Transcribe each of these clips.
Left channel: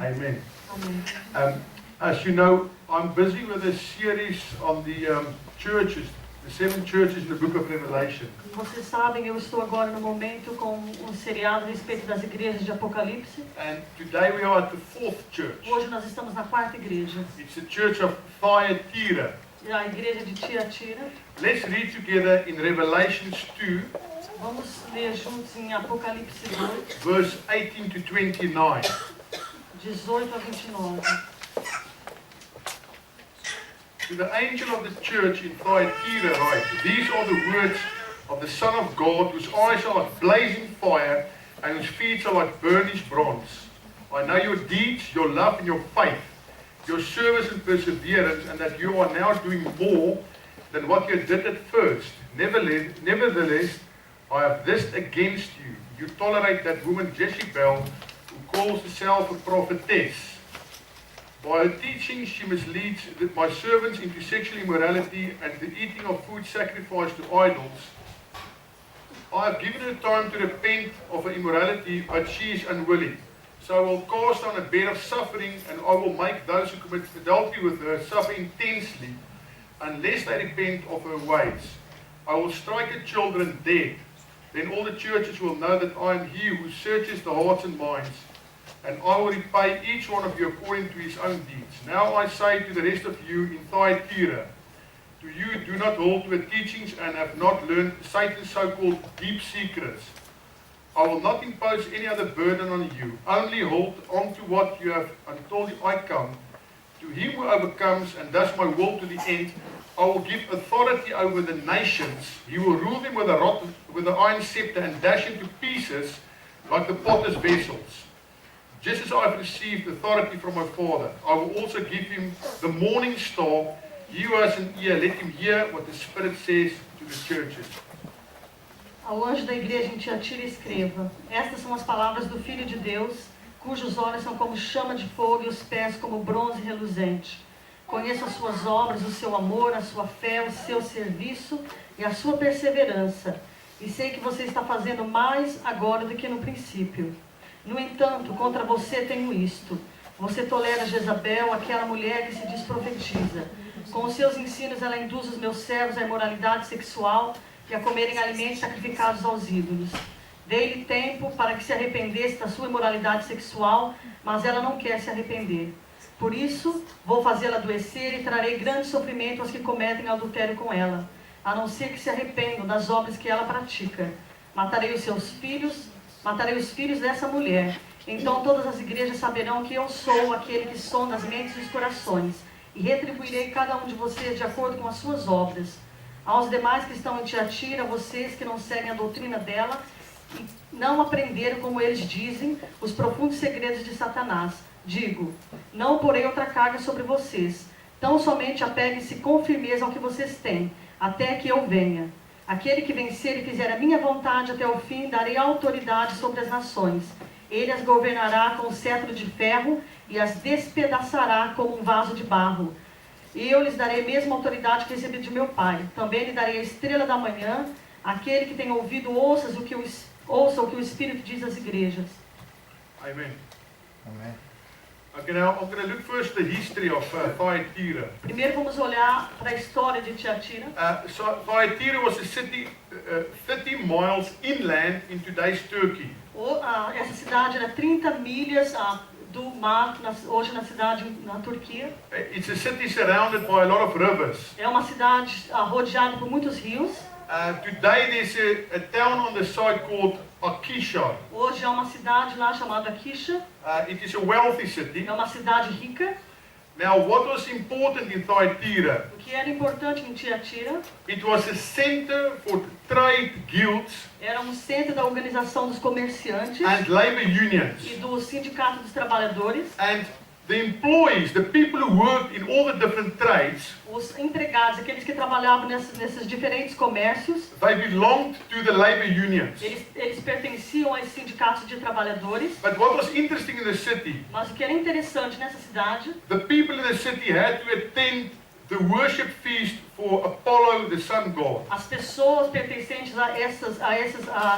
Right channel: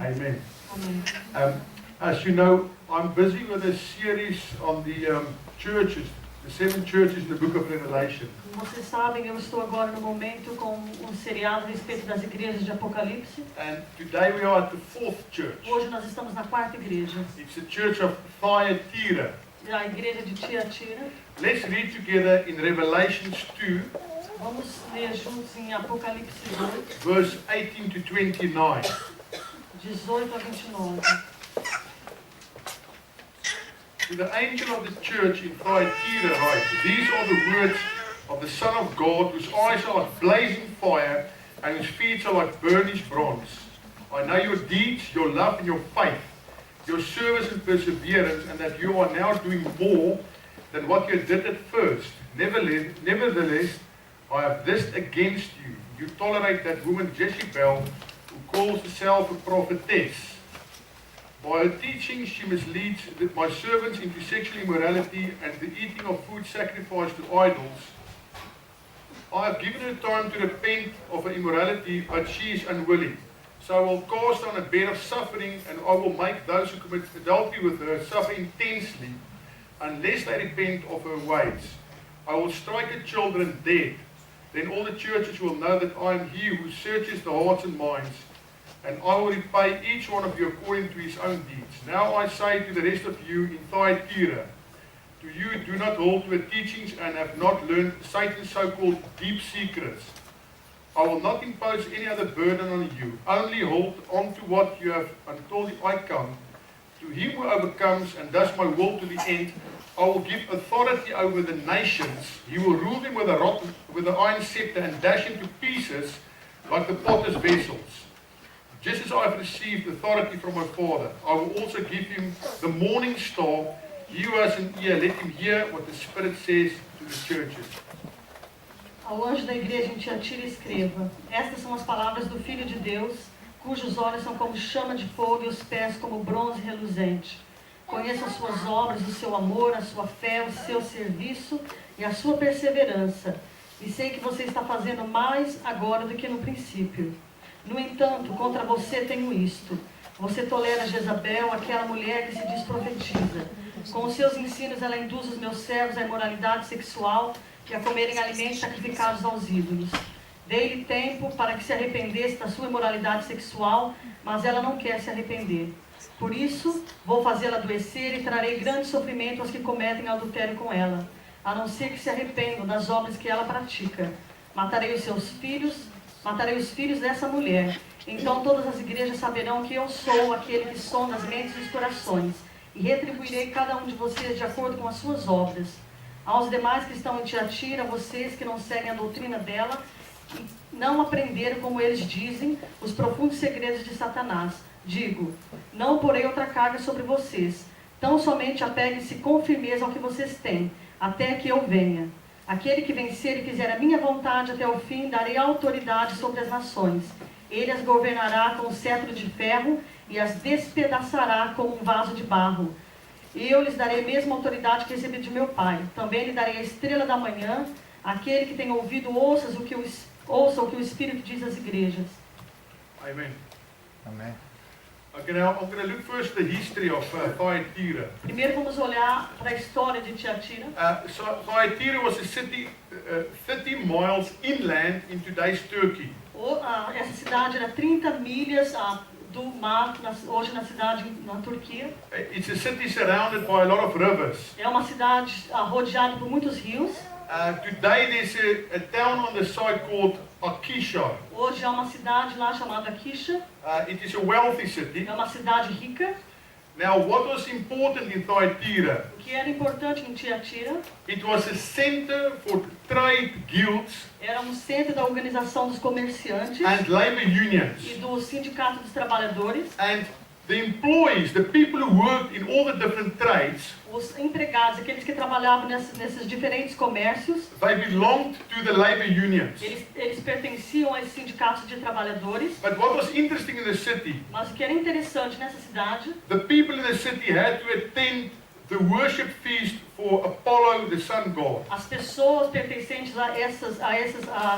Amen. Amém. As you know, I'm busy with a series on the churches, the 7 churches in the book of Revelation. Como vocês sabem, eu estou agora no momento com um seriado a respeito das igrejas de Apocalipse. And today we are at the 4th church. Hoje nós estamos na 4ª igreja, It's the church of Thyatira. a igreja de Tiatira. Let's read together in Revelations 2, Vamos ler juntos em Apocalipse 2, verse 18 to 29. 18 a 29. To the angel of the church in Thyatira write, these are the words of the Son of God, whose eyes are like blazing fire, and whose feet are like burnished bronze. I know your deeds, your love and your faith, your service and perseverance, and that you are now doing more than what you did at first. Nevertheless, I have this against you. You tolerate that woman Jezebel, who calls herself a prophetess. By her teaching, she misleads my servants into sexual immorality and the eating of food sacrificed to idols. I have given her time to repent of her immorality, but she is unwilling. So I will cast on a bed of suffering, and I will make those who commit adultery with her suffer intensely, unless they repent of her ways. I will strike her children dead. Then all the churches will know that I am He who searches the hearts and minds, and I will repay each one of you according to his own deeds. Now I say to the rest of you in Thyatira, to you who do not hold to her teachings and have not learned Satan's so-called deep secrets, I will not impose any other burden on you. Only hold on to what you have until I come. To him who overcomes and does my will to the end, I will give authority over the nations. He will rule them with the iron scepter and dash into pieces like the potter's vessels. Just as I have received authority from my Father, I will also give him the morning star. He who has an ear, let him hear what the Spirit says to the churches. Ao anjo da igreja em Tiatira escreva, estas são as palavras do Filho de Deus, cujos olhos são como chama de fogo e os pés como bronze reluzente. Conheço as suas obras, o seu amor, a sua fé, o seu serviço e a sua perseverança. E sei que você está fazendo mais agora do que no princípio. No entanto, contra você tenho isto. Você tolera Jezabel, aquela mulher que se diz profetiza. Com os seus ensinos ela induz os meus servos à imoralidade sexual e a comerem alimentos sacrificados aos ídolos. Dei-lhe tempo para que se arrependesse da sua imoralidade sexual, mas ela não quer se arrepender. Por isso, vou fazê-la adoecer e trarei grande sofrimento aos que cometem adultério com ela, a não ser que se arrependam das obras que ela pratica. Matarei os filhos dessa mulher. Então todas as igrejas saberão que eu sou aquele que sonda as mentes e os corações, e retribuirei cada um de vocês de acordo com as suas obras. Aos demais que estão em Tiatira, vocês que não seguem a doutrina dela, e não aprenderam, como eles dizem, os profundos segredos de Satanás, digo, não porei outra carga sobre vocês. Tão somente apeguem-se com firmeza ao que vocês têm, até que eu venha. Aquele que vencer e fizer a minha vontade até o fim, darei autoridade sobre as nações. Ele as governará com o cetro de ferro e as despedaçará como um vaso de barro. E eu lhes darei a mesma autoridade que recebi de meu Pai. Também lhe darei a estrela da manhã. Aquele que tem ouvido, ouça o que o Espírito diz às igrejas. Amen. Amen. Okay, now I'm going to look first at the history of Thyatira. Primeiro vamos olhar para a história de Tiatira. So Thyatira was a city 30 miles inland in today's Turkey. Essa cidade era 30 milhas do mar, hoje na cidade na Turquia. It's a city surrounded by a lot of rivers. É uma cidade rodeada por muitos rios. Today there's a town on the side called Akisha. Hoje há uma cidade lá chamada Akisha. It is a wealthy city. É uma cidade rica. Now, what was important in Thyatira? O que era importante em Tiatira? It was a center for trade guilds. Era um centro da organização dos comerciantes And labor unions. e do sindicato dos trabalhadores. And the employees, the people who worked in all the different trades, Os empregados, aqueles que trabalhavam nesses diferentes comércios, they belonged to the labor unions. eles pertenciam a esses sindicatos de trabalhadores. But what was interesting in the city, Mas o que era interessante nessa cidade, the people in the city had to attend the worship feast for Apollo, the sun god. as pessoas pertencentes a esses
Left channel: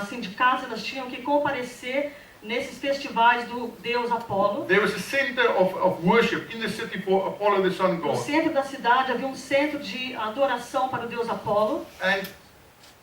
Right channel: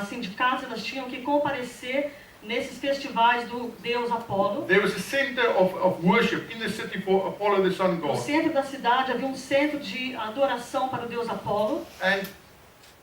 sindicatos, elas tinham que comparecer nesses festivais do deus Apolo. there was a center of worship in the city for Apollo, the sun No god. centro da cidade havia um centro de adoração para o deus Apolo. And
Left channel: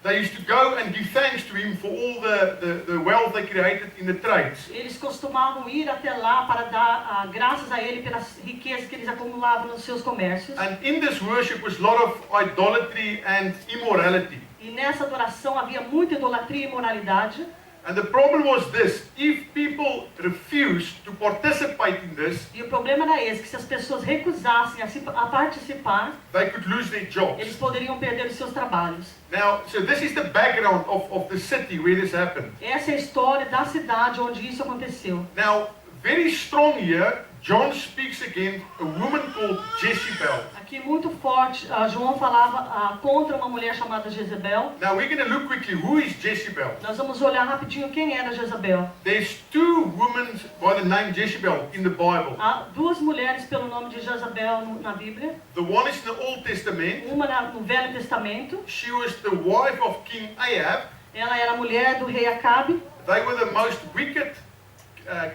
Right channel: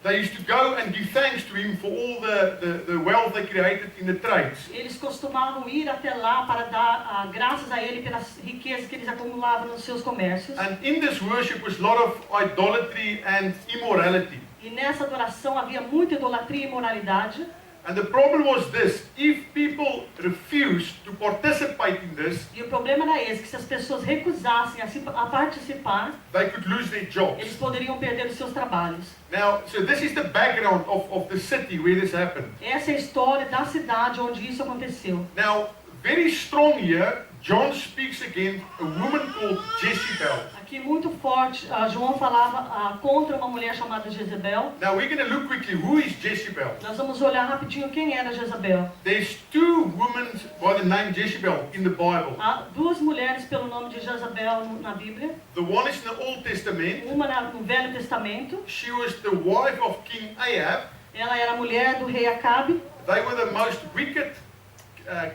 they used to go and give thanks to him for all the wealth they created in the trades. Eles costumavam ir até lá para dar graças a ele pelas riquezas que eles acumulavam nos seus comércios. And in this worship was a lot of idolatry and immorality. E nessa adoração havia muita idolatria e imoralidade. And the problem was this: if people refused to participate in this, E o problema era esse, que se as pessoas recusassem a participar, they could lose their jobs. eles poderiam perder os seus trabalhos. Now, so this is the background of the city where this happened. Essa é a história da cidade onde isso aconteceu. Now, very strong here, John speaks against a woman called Jezebel. Aqui muito forte, João falava contra uma mulher chamada Jezebel. Now, we're going to look quickly, who is Jezebel? Nós vamos olhar rapidinho quem era Jezabel. There's two women by the name Jezebel in the Bible. Há duas mulheres pelo nome de Jezabel na Bíblia. The one is in the Old Testament. Uma no Velho Testamento. She was the wife of King Ahab. Ela era a mulher do rei Acabe. They were the most wicked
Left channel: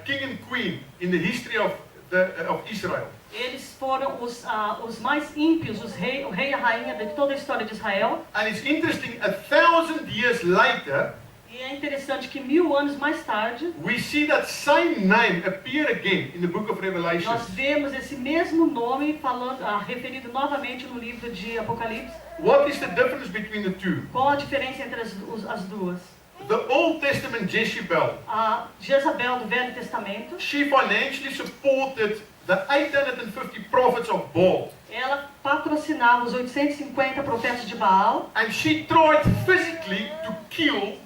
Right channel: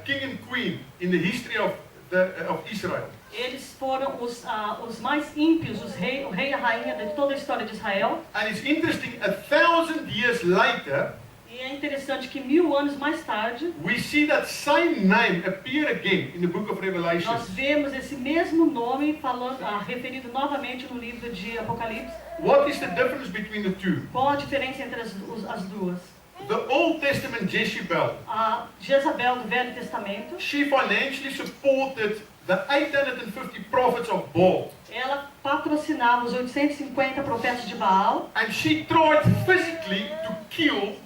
king and queen in the history of Israel. Eles foram os mais ímpios, o rei e a rainha de toda a história de Israel. And it's interesting, 1,000 years later, E é interessante que 1000 anos mais tarde, we see that same name appear again in the book of Revelation. nós vemos esse mesmo nome referido novamente no livro de Apocalipse. What is the difference between the two? Qual a diferença entre as duas? The Old Testament Jezebel, A Jezabel do Velho Testamento, she financially supported the 850 prophets of Baal. ela patrocinava os 850 profetas de Baal. And she tried physically to kill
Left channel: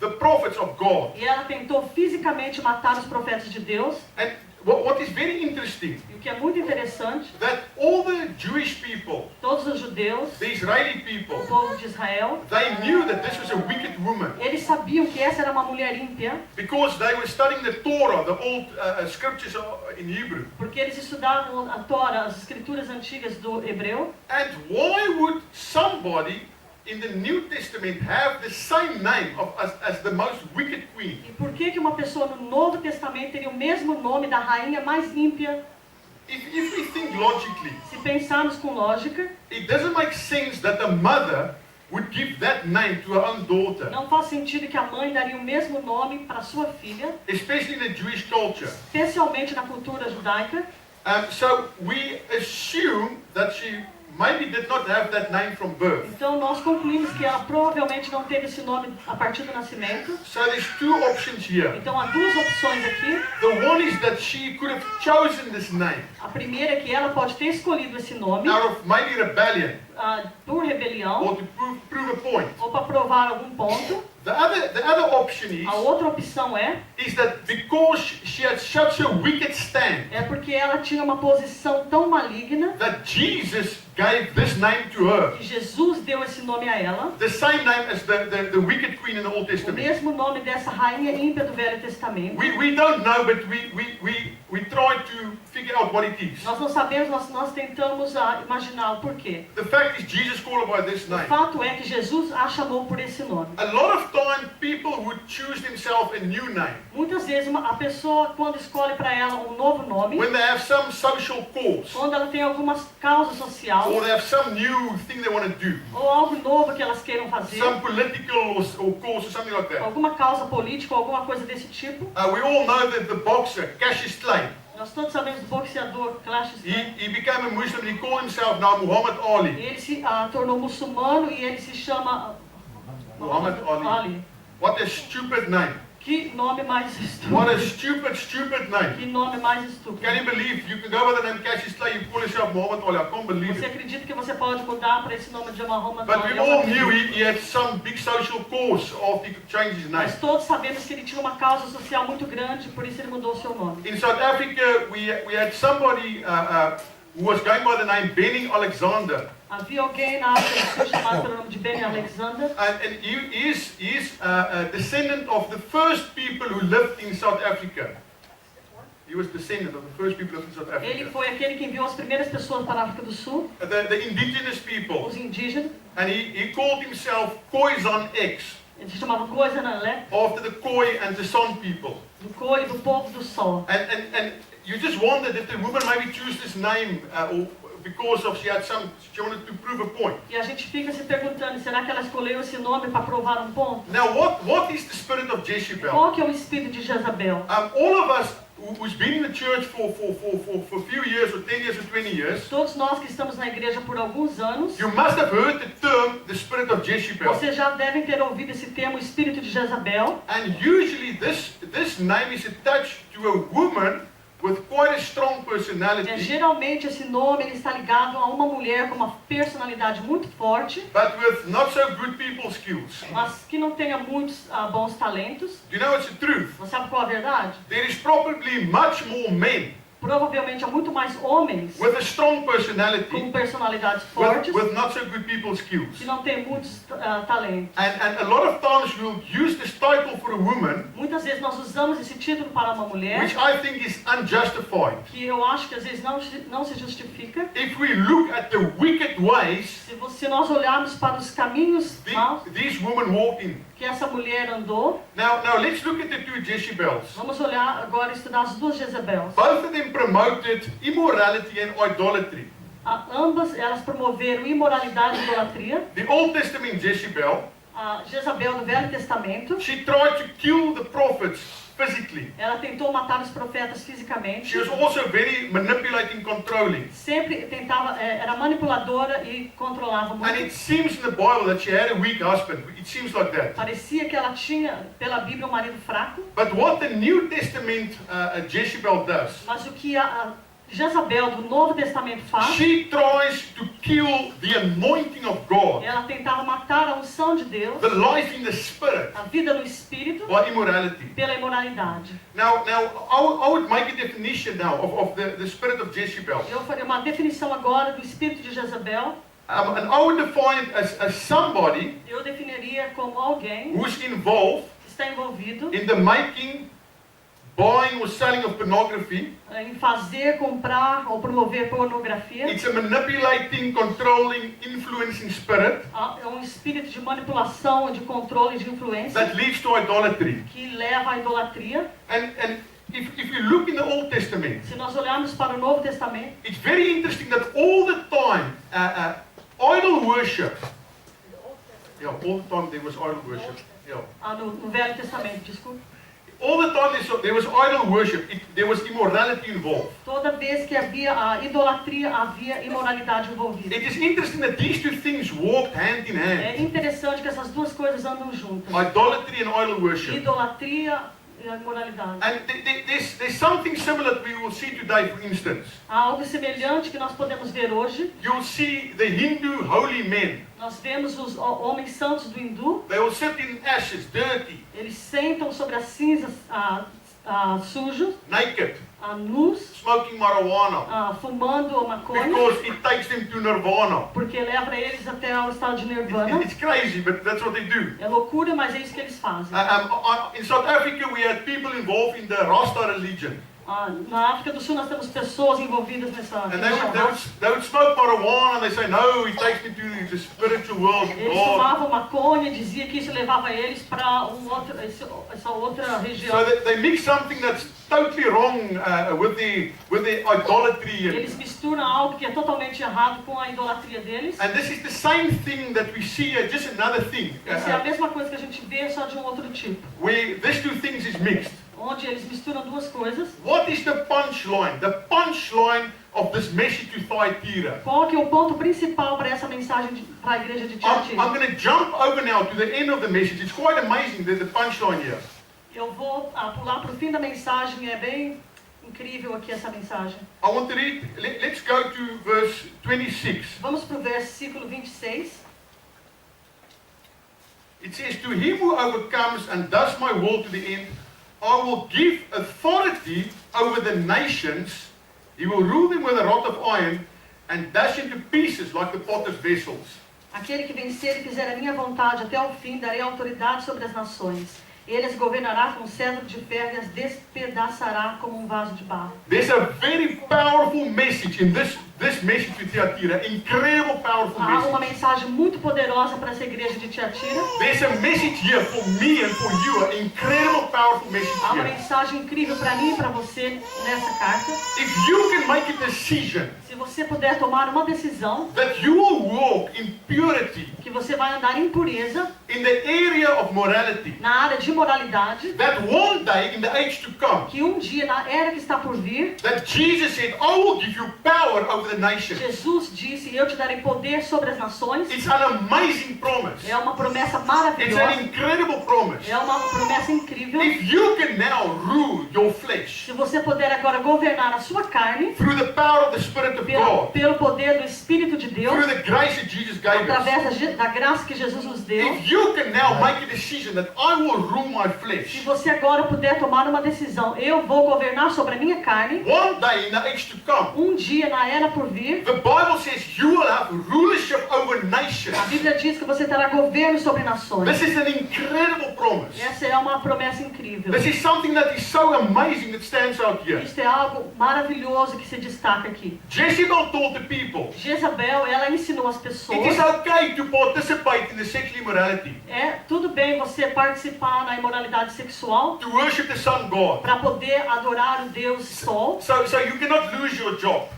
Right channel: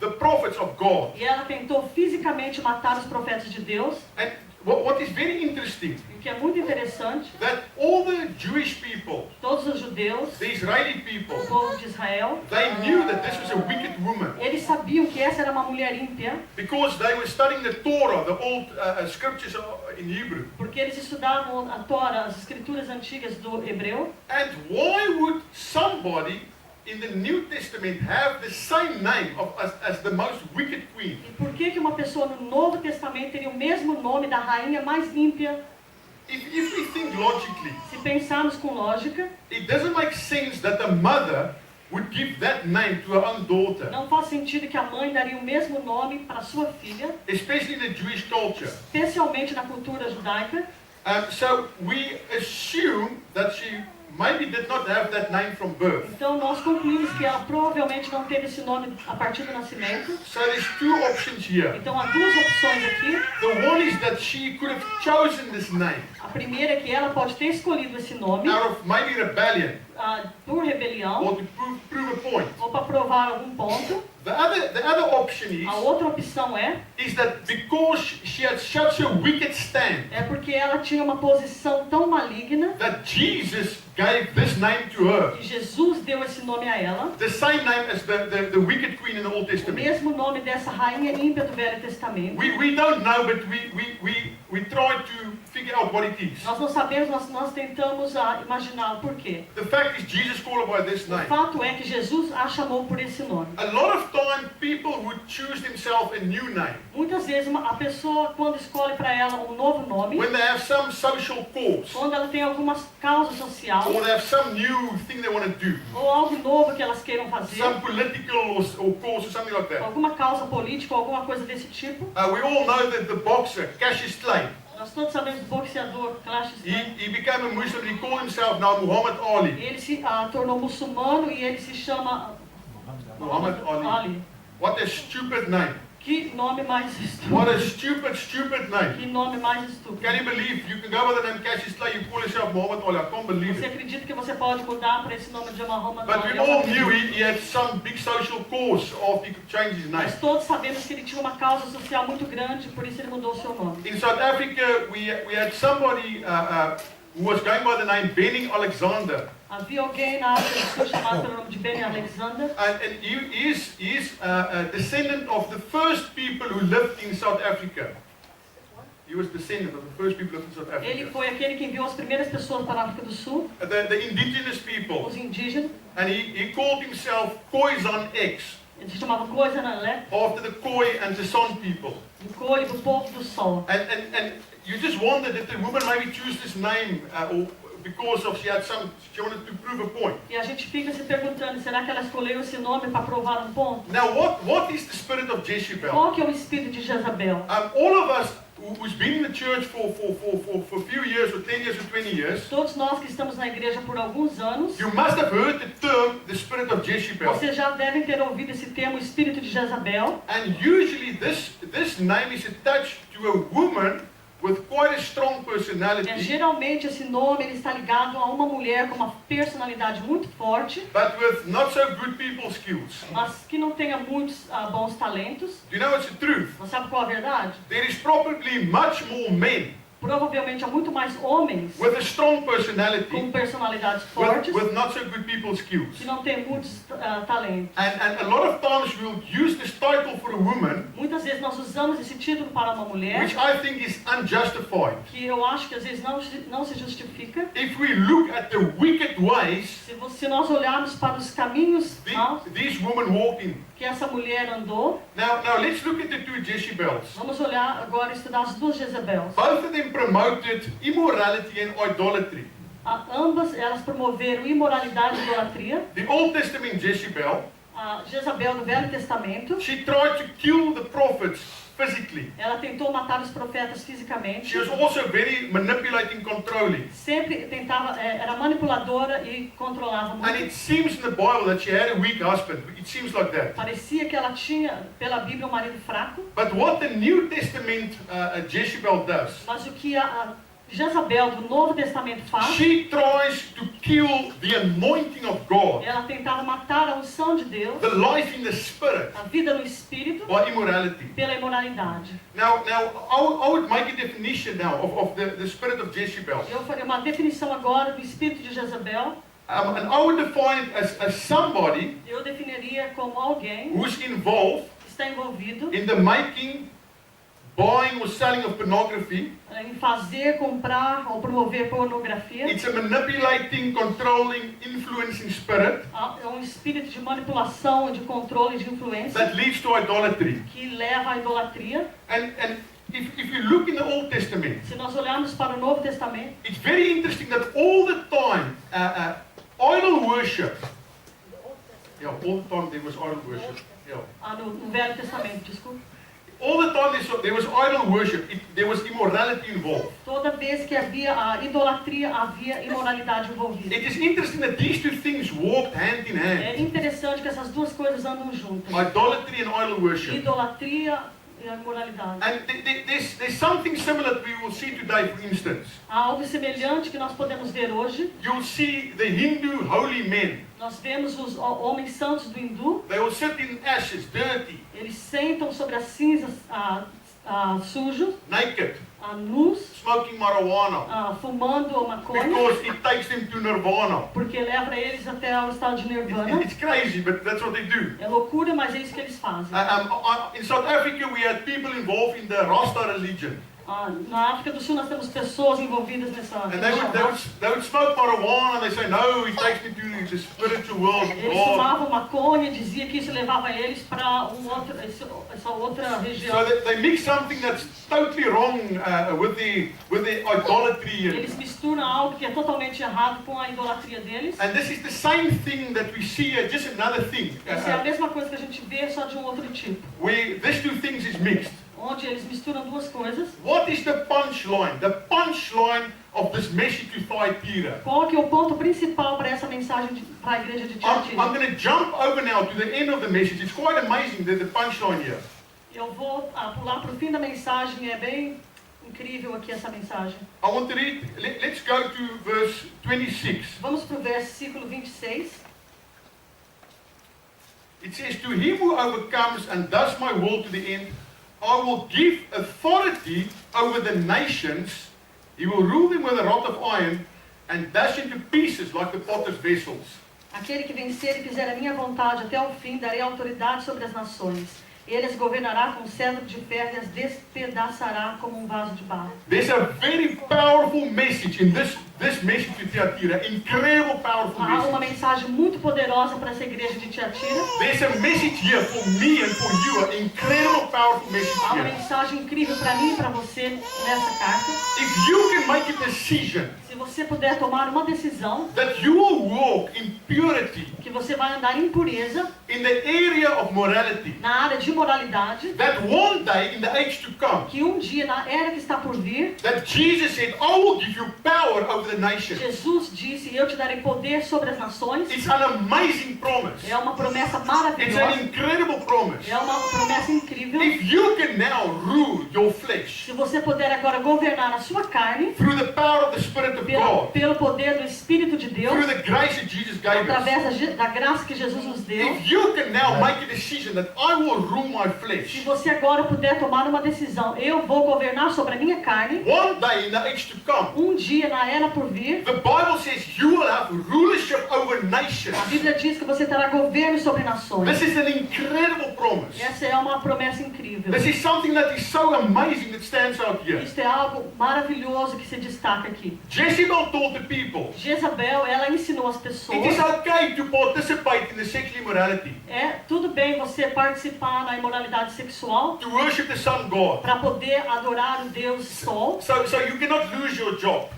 the prophets of God. E ela tentou fisicamente matar os profetas de Deus. And what is very interesting, E o que é muito interessante, that all the Jewish people, todos os judeus, the Israeli o people, povo de Israel, they knew that this was a wicked woman eles sabiam que essa era uma mulher ímpia, because they were studying the Torah, the old scriptures in Hebrew. porque eles estudavam a Torá, as escrituras antigas do hebreu. And why would somebody in the New Testament have the same name as the most wicked queen? E por que uma pessoa no Novo Testamento teria o mesmo nome da rainha mais ímpia? If we think logically, Se pensarmos com lógica, it doesn't make sense that a mother would give that name to her own daughter, não faz sentido que a mãe daria o mesmo nome para sua filha, especially in the Jewish culture. especialmente na cultura judaica. So we assume that she maybe did not have that name from birth. Então nós concluímos que ela provavelmente não teve esse nome a partir do nascimento. So there's two options here. Então há duas opções aqui. The one is that she could have chosen this name A primeira é que ela pode ter escolhido esse nome out of maybe rebellion por rebelião or to prove a point. ou para provar algum ponto. The other option A outra opção is that because she had such a wicked stand, é porque ela tinha uma posição tão maligna that Jesus gave this name to her. que Jesus deu esse nome a ela, The same name as the wicked queen in the Old o Testament. mesmo nome dessa rainha ímpia do Velho Testamento. We don't know, but we try to figure out what it is. Nós não sabemos, nós tentamos imaginar o porquê. The fact is Jesus called her by this O name. fato é que Jesus a chamou por esse nome. A lot of time people would choose themselves a new name Muitas vezes a pessoa, quando escolhe para ela um novo nome, when they have some social cause quando ela tem alguma causa social, or they have some new thing they want to do, ou algo novo que elas queiram fazer, some political or cause or something like that. alguma causa política, ou alguma coisa desse tipo. We all know that the boxer Cassius Clay, Nós todos sabemos do boxeador Cassius Clay. he became a Muslim. He called himself now Muhammad Ali. Ele se tornou muçulmano e ele se chama Muhammad Ali. What a stupid name. Que nome mais What a estúpido. stupid name. Que nome mais estúpido. Can you believe you can go by the name Cassius Clay, you call yourself Muhammad Ali? I can't believe Você it. acredita que você pode mudar para esse nome de Muhammad But we Ali? all knew he had some big social cause after he changed his name. Mas todos sabemos que ele tinha uma causa social muito grande, por isso ele mudou o seu nome. In South Africa, we had somebody who was going by the name Benny Alexander. Havia alguém na África do Sul chamado pelo nome de Benny Alexander. And he is a descendant of the first people who lived in South Africa. He was descendant of the first people who lived in South Ele Africa. foi aquele que enviou as primeiras pessoas para a África do Sul, The indigenous people. os indígenas. And he called himself Khoisan X, Ele se chamava Coisa Nanlé, after the Khoi and the San people. do cor e do povo do sol. And you just wonder that the woman maybe choose this name or because of she wanted to prove a point. E a gente fica se perguntando, será que ela escolheu esse nome para provar um ponto? Now, what is the spirit of Jezebel? Qual que é o espírito de Jezabel? All of us who's been in the church for a few years, or 10 years, or 20 years, Todos nós que estamos na igreja por alguns anos, you must have heard the term the spirit of Jezebel. vocês já devem ter ouvido esse termo, espírito de Jezabel. And usually this name is attached to a woman with quite a strong personality, Geralmente esse nome ele está ligado a uma mulher com uma personalidade muito forte, but with not so good people skills. mas que não tenha muitos bons talentos. Do you know it's the truth? Você sabe qual é a verdade? There is probably much more men Provavelmente há muito mais homens with a strong com personality personalidades fortes with not so good people skills. que não têm muitos talentos. And a lot of times we'll use this title for a woman, Muitas vezes nós usamos esse título para uma mulher, which I think is unjustified. que eu acho que às vezes não se justifica. If we look at the wicked ways Se nós olharmos para os caminhos maus these women walk in. que essa mulher andou, Now let's look at the two Jezebels. vamos olhar agora e estudar as duas Jezebels. Both of them promoted immorality and idolatry. Ambas elas promoveram imoralidade e idolatria. The Old Testament Jezebel, A Jezabel do Velho Testamento, she tried to kill the prophets physically. ela tentou matar os profetas fisicamente. She was also very manipulating, controlling. Sempre tentava, era manipuladora e controlava And it muito. seems in the Bible that she had a weak husband. It seems like that. Parecia que ela tinha, pela Bíblia, um marido fraco. But what the New Testament Jezebel does, Mas o que a Jezabel do Novo Testamento faz, she tries to kill the anointing of God, ela tentava matar a unção de Deus, the life in the Spirit, a vida no Espírito, by immorality. pela imoralidade. Now I would make a definition now of the spirit of Jezebel. Eu farei uma definição agora do espírito de Jezabel. And I would define it as somebody Eu definiria como alguém who's involved que está envolvido in the making, buying or selling of pornography. em fazer, comprar ou promover pornografia. It's a manipulating, controlling, influencing spirit É um espírito de manipulação, de controle, de influência that leads to idolatry. que leva à idolatria. And if you look in the Old Testament, Se nós olharmos para o Novo Testamento, it's very interesting that all the time idol worship. Yeah, all the time there was idol worship. Yeah. no Velho Testamento, desculpa. All the time there was idol worship. There was immorality involved. Toda vez que havia a idolatria, havia imoralidade envolvida. It is interesting that these two things walked hand in hand. É interessante que essas duas coisas andam juntas. Idolatry and idol worship. Idolatria e a imoralidade. And there's something similar that we will see today, for instance. Há algo semelhante que nós podemos ver hoje. You'll see the Hindu holy men. Nós vemos os homens santos do hindu. They will sit in ashes, dirty, Eles sentam sobre as cinzas sujos, naked, nus, smoking marijuana. fumando maconha, Because it takes them to nirvana. porque leva eles até ao estado de nirvana. It's crazy, but that's what they do. É loucura, mas é isso que eles fazem. In South Africa, we had people involved in the Rasta religion. Na África do Sul nós temos pessoas envolvidas nessa And religião. they would smoke marijuana and they say, no, it takes me to the spiritual world of Eles God. fumavam maconha e dizia que isso levava eles para essa outra região. So they mix something that's totally wrong with the idolatry. Eles misturam algo que é totalmente errado com a idolatria deles. And this is the same thing that we see here, just another thing. Isso é a mesma coisa que a gente vê, só de um outro tipo. Where these two things is mixed. Onde eles misturam duas coisas. What is the punchline? The punchline of this message to Thyatira. Qual que é o ponto principal para essa mensagem para a igreja de I'm Tiatira? going to jump over now to the end of the message. It's quite amazing the punchline here. Eu vou pular para o fim da mensagem, é bem incrível aqui essa mensagem. I want to read, let's go to verse 26. Vamos para o versículo 26. It says, to him who overcomes and does my will to the end, I will give authority over the nations. He will rule them with a rod of iron and dash into pieces like the potter's vessels. Aquele que vencer e fizer a minha vontade até o fim, darei autoridade sobre as nações. Ele as governará com cetro de ferro e as despedaçará como um vaso de barro. There's a very powerful message in this message to Thyatira. Incredible powerful Há uma message. mensagem muito poderosa para essa igreja de Tiatira. There's a message here for me and for you. An incredible powerful message Há uma here. mensagem incrível para mim e para você nessa carta. If you can make a decision Se você puder tomar uma decisão that you will walk in purity que você vai andar em pureza in the area of morality, na área de moralidade, that one day in the age to come, que um dia na era que está por vir, that Jesus said, I will give you power over the nations. Jesus disse: eu te darei poder sobre as nações. It's an amazing promise. É uma promessa It's maravilhosa. an incredible promise. É uma promessa incrível. If you can now rule your flesh Se você puder agora governar a sua carne through the power of the Spirit of God, pelo poder do Espírito de Deus, through the grace that Jesus gave us, através da graça que Jesus nos deu, if you can now make a decision that I will rule my se flesh, você agora puder tomar uma decisão: eu vou governar sobre a minha carne, one day in the age to come, um dia na era por vir, the Bible says you will have rulership over nations. a Bíblia diz que você terá governo sobre nações. This is an incredible promise. Essa é uma promessa incrível. This is something that is so amazing that stands out here. Isto é algo maravilhoso que se destaca aqui. Jezebel told the people, Jezabel, ela ensinou as it is pessoas: okay to participate in the sexual immorality, é tudo bem você participar na imoralidade sexual to worship the sun god. para poder adorar o Deus Sol. So you cannot lose your job.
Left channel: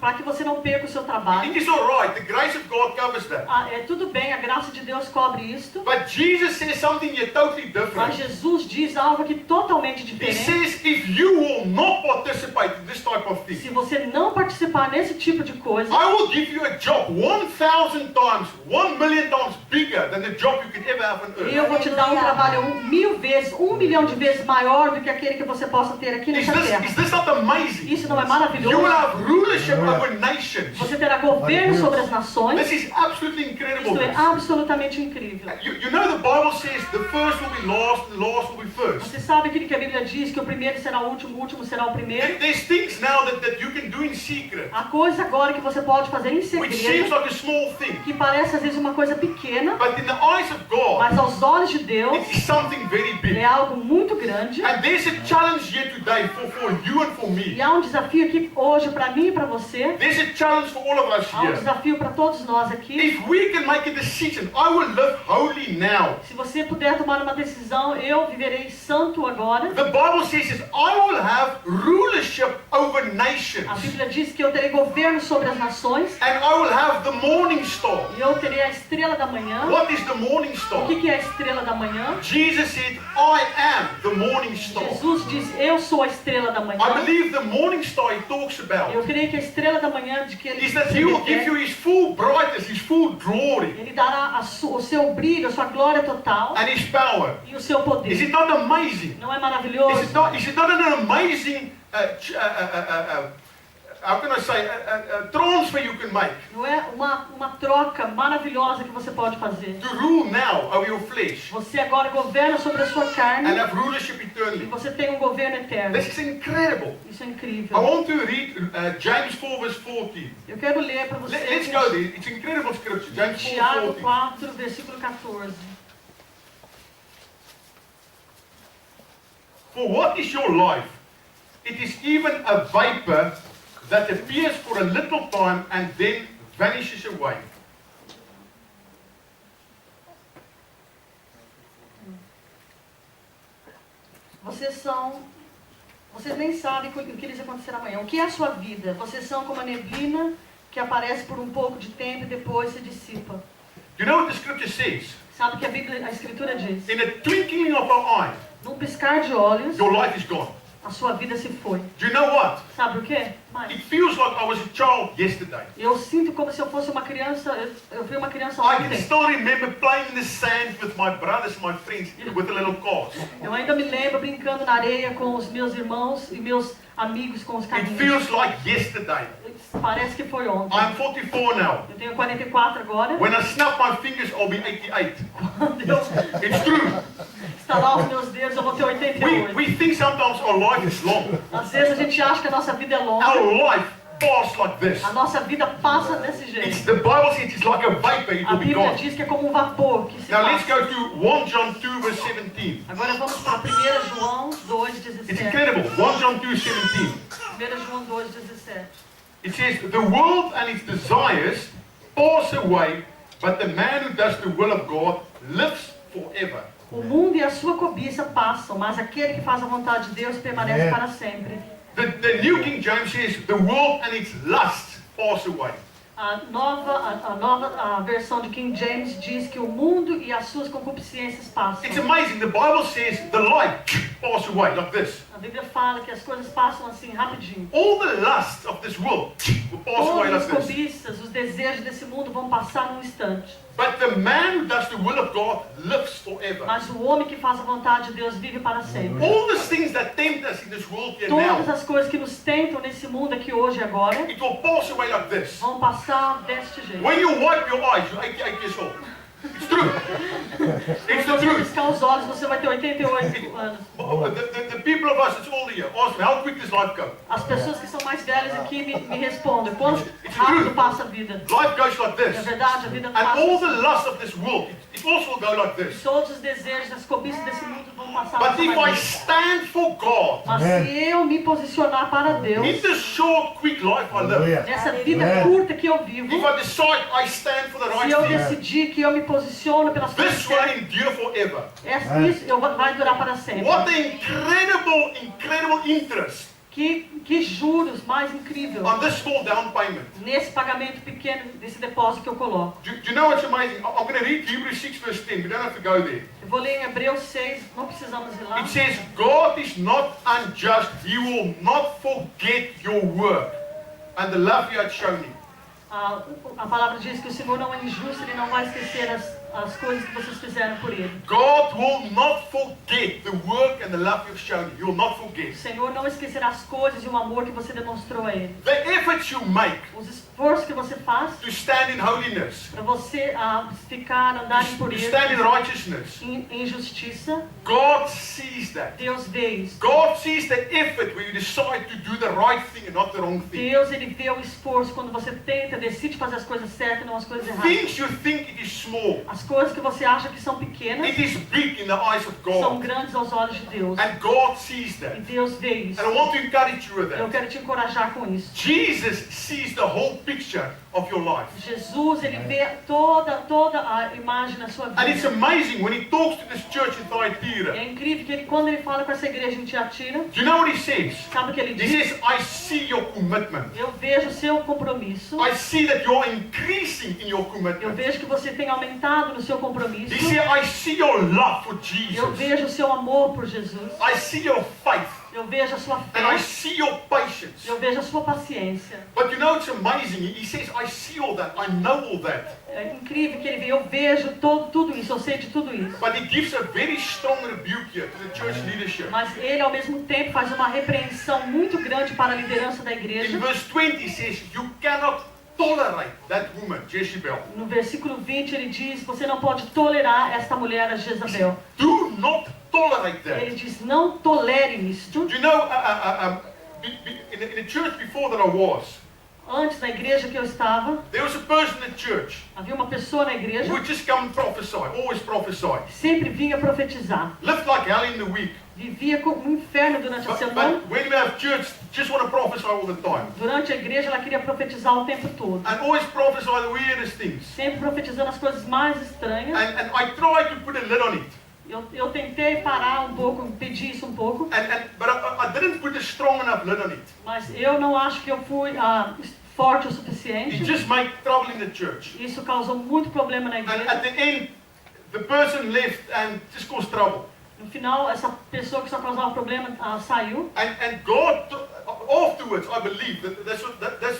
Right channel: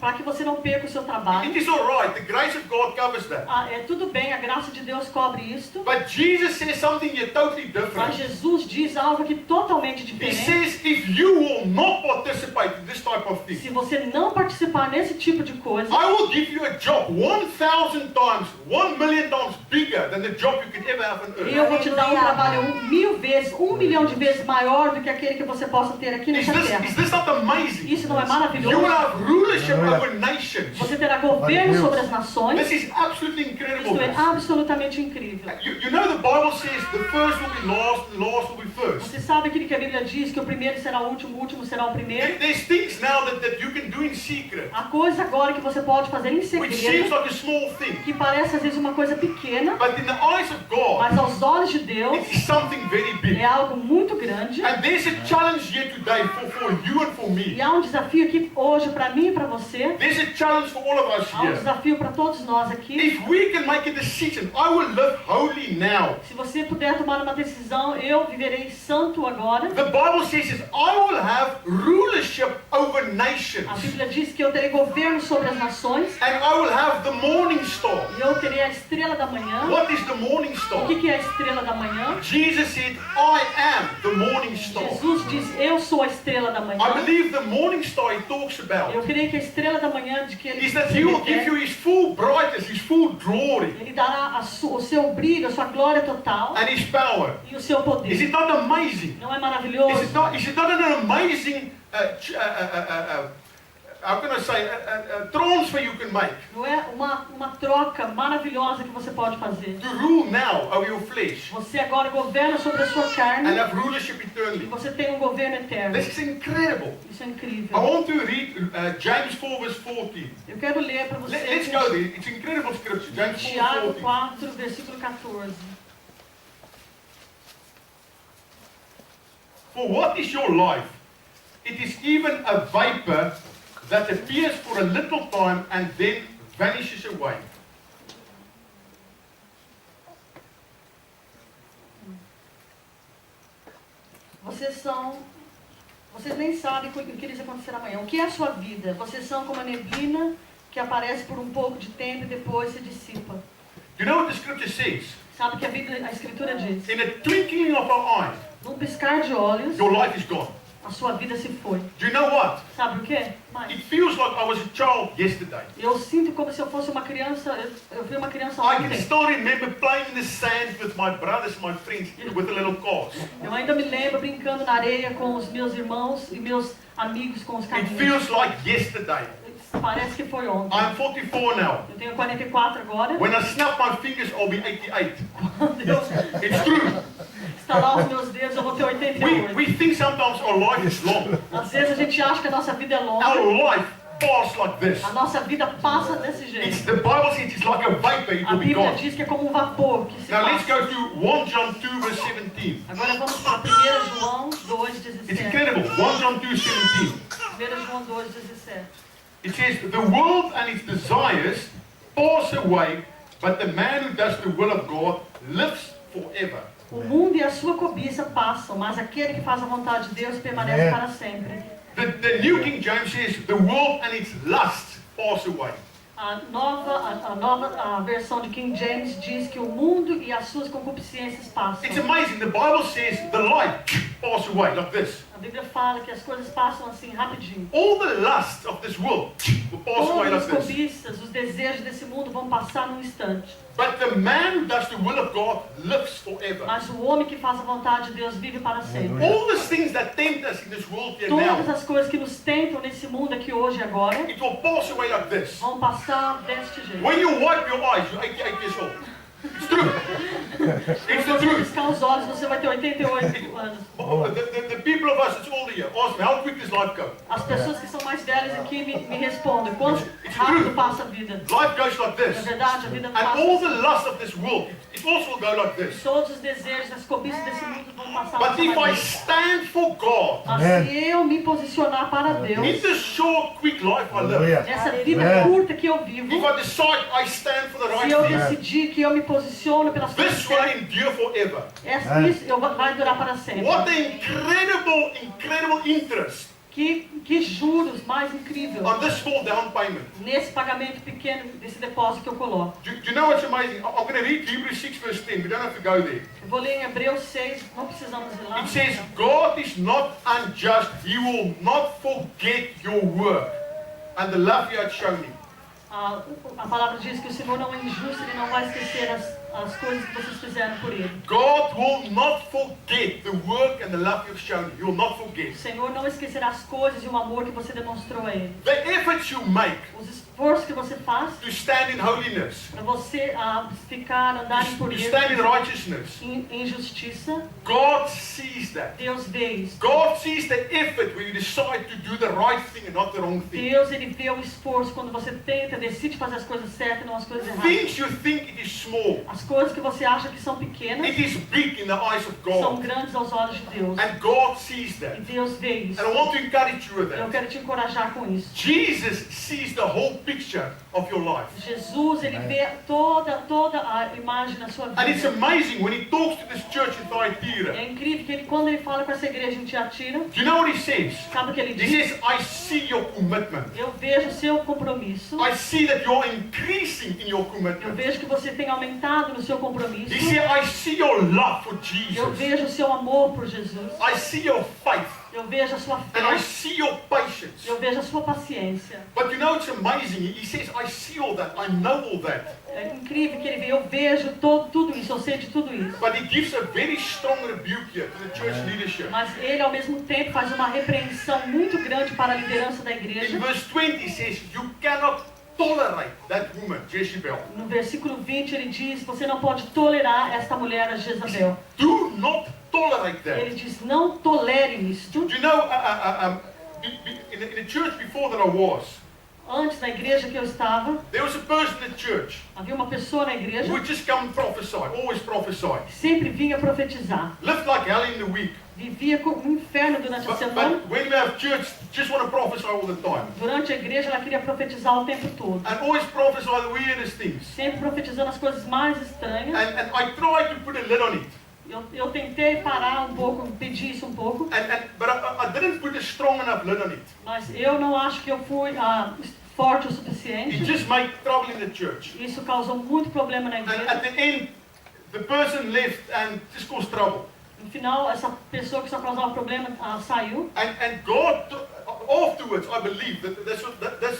Para que você não perca o seu trabalho. It is alright, the grace of God covers that. É tudo bem, a graça de Deus cobre isto. But Jesus says something here totally Mas different. Jesus diz algo aqui totalmente He diferente. says if you will not participate in this type of Se thing, você não participar nesse tipo de coisa, I will give you a job 1,000 times, 1 million times bigger than the job you could ever have on earth. eu vou te dar um trabalho 1.000 vezes, 1 milhão de vezes maior do que aquele que você possa ter aqui Is nessa terra. this not amazing? Isso não é You will maravilhoso? have rulership over nations. Você terá governo sobre as nações. This is absolutely incredible. Isso é absolutamente incrível. You know the Bible says the first will be last, the last will be first. Você sabe aquilo que a Bíblia diz, que o primeiro será o último será o primeiro? There's things now that you can do in secret, Há coisa agora que você pode fazer em which seems segredo, like a small thing, que parece às vezes uma coisa pequena, but in the eyes of God, mas aos olhos de Deus it is something very big. é algo muito grande. And there's a challenge here today for you and for E me. há um desafio aqui hoje para mim e para você. There's a challenge for all of us Há um here. desafio para todos nós aqui. If we can make a decision, I will live holy now. Se você puder tomar uma decisão: eu viverei santo agora. The Bible says is I will have rulership over nations. A Bíblia diz que eu terei governo sobre as nações. And I will have the morning star. E eu terei a estrela da manhã. What is the morning O star? que é a estrela da manhã? Jesus said, I am the morning star. Jesus diz: eu sou a estrela da manhã. I believe the morning star he talks Eu about creio que a estrela da manhã de que ele is that se he will give you refere, his full brightness, his full glory, ele dará o seu brilho, a sua glória total and his power. e o seu Is poder. it not amazing? Não é maravilhoso? Is it not an amazing, how can I say, transfer you can make Não é uma troca maravilhosa que você pode fazer? to rule now over your flesh Você agora governa sobre a sua and carne have rulership e eternally? você tem um governo eterno. This is incredible. Isso é I incrível. want to read James 4 verse 14. Eu quero ler para Let's vocês go there. It's incredible scripture. James 4 Tiago 14. 4, versículo 14. For what is your life? It is even a vapor that appears for a little time and then vanishes away. Vocês nem sabem o que lhes acontecerá amanhã. O que é a sua vida? Vocês são como a neblina que aparece por um pouco de tempo e depois se dissipa. You know what the scripture says? Sabe o que a Escritura diz? In a twinkling of an eye, Num piscar de olhos, your life is gone. a sua vida se foi. Do you know what? Sabe o quê? It feels like I was a child yesterday. Eu sinto como se eu fosse uma criança. Eu fui uma criança I can ontem. still remember playing in the sand with my brothers, my friends, with the little cars. Eu ainda me lembro brincando na areia com os meus irmãos e meus amigos com os It carrinhos. feels like yesterday. Parece que foi ontem. I'm 44 now. Eu tenho 44 agora. When I snap my fingers, I'll be 88. Quando eu It's true. estalar os meus dedos, eu vou ter 88. We think sometimes our life is long. Às vezes a gente acha que a nossa vida é longa. Our life pass like this. A nossa vida passa desse jeito. The Bible says it's like a vapor, it A will be Bíblia gone. diz que é como um vapor que se Now let's passa. go to 1 John 2 verse 17. Agora vamos para 1 João It's 2,17. incredible. 1 John 2, 17. 1 João 2,17. It says, the world and its desires pass away, but the man who does the will of God lives forever. O mundo e a sua cobiça passam, mas aquele que faz a vontade de Deus permanece para sempre. The New King James says, the world and its lusts pass away. A versão de King James diz que o mundo e as suas concupiscências passam. It's amazing. The Bible says the light pass away like this. A Bíblia fala que as coisas passam assim rapidinho. All the lusts of this world will pass away Todas as like this. cobiças, os desejos desse mundo vão passar num instante. But the man who does the will of God lives forever. Mas o homem que faz a vontade de Deus vive para sempre. All the things that tempt us in this world here Todas now, as coisas que nos tentam nesse mundo aqui hoje e agora it will pass away like this. vão passar deste jeito. When you wipe your eyes, you're 88 years old. It's true. It's the Se você truth. piscar os olhos, você vai ter 88 anos. The people of us that's older here, ask me, how quick does life go? As pessoas que são mais velhas aqui me respondem. Quanto rápido passa a vida? Life goes like É this. verdade, a vida And passa all the assim. lust of this world, it also will go like this. Todos os desejos, as cobiças desse mundo vão passar But nessa if I maneira. stand for God, Mas se eu me posicionar para Deus, in this short, quick life I live, Aleluia. nessa vida Amen. curta que eu vivo, if I decide I stand for the se right eu thing, decidir que eu me posiciono pelas coisas this will certas, endure forever. isso vai durar para sempre. What an incredible interest Que juros mais incrível on this small down payment. nesse pagamento pequeno, desse depósito que eu coloco. Do you know what's amazing? I'm going to read Hebrews 6 verse 10. We don't have to go there. Eu vou ler em Hebreus 6, não precisamos ir lá. It says, God is not unjust. He will not forget your work and the love you had shown him. A palavra diz que o Senhor não é injusto, Ele não vai esquecer as coisas que vocês fizeram por Ele. God will not forget the work and the love you've shown him. He will not forget. O Senhor não esquecerá as coisas e o amor que você demonstrou a Ele. The efforts you make Os esforços que você faz to stand in holiness, para você andar em to pureza, stand in righteousness, em justiça, God sees that. Deus vê isso. God sees the effort when you decide to do the right thing and not the wrong thing. Deus, Ele vê o esforço quando você decide fazer as coisas certas e não as coisas erradas. Things you think it is small, As coisas que você acha que são pequenas it is big in the eyes of são God. grandes aos olhos de Deus. And God sees E that. Deus vê isso. And I want to encourage you with Eu that. quero te encorajar com isso. Jesus sees the whole picture of your life. Jesus, Ele vê toda a imagem da sua And it's vida. amazing when he talks to this church in Thyatira. É incrível que quando Ele fala com essa igreja em Tiatira, Do you know what he says? sabe o que Ele He diz? says, I see your commitment. Eu vejo o seu compromisso. I see that you're increasing in your Eu commitment. vejo que você tem aumentado no seu compromisso. He said, I see your love for Eu Jesus. vejo o seu amor por Jesus. I see your faith. Eu vejo a sua And I fé. see your patience. Eu vejo a sua paciência. But you know, it's amazing. He says, I see all that. I know all that. É incrível que ele vê. Eu vejo tudo isso. Eu sei de tudo isso. But he gives a very strong rebuke here to the church leadership. Mas ele, ao mesmo tempo, faz uma repreensão muito grande para a liderança da In igreja. verse 20, he says, you cannot tolerate that woman, Jezebel. No versículo 20, ele diz: você não pode tolerar esta mulher, a Jezabel. Do not tolerate Ele that. diz: não tolere isto. Do you know, in the church before that I was, Antes, na igreja que eu estava, there was a person in the church havia uma pessoa na igreja who would just come and prophesy, always prophesy. que sempre vinha profetizar. Lived like hell in the week. Vivia como um inferno durante a semana. But when we have church, just want to prophesy all the time. Durante a igreja, ela queria profetizar o tempo todo. And always prophesy the weirdest things. Sempre profetizando as coisas mais estranhas. And I tried to put a lid on it. Eu tentei parar um pouco, pedir isso um pouco, But I didn't put a strong enough lid on it. mas eu não acho que eu fui forte o It suficiente. just made trouble in the church. Isso causou muito problema na And igreja. at the end, the person left and just caused trouble. No final, essa pessoa que só causava problema saiu. And God, afterwards, I believe that's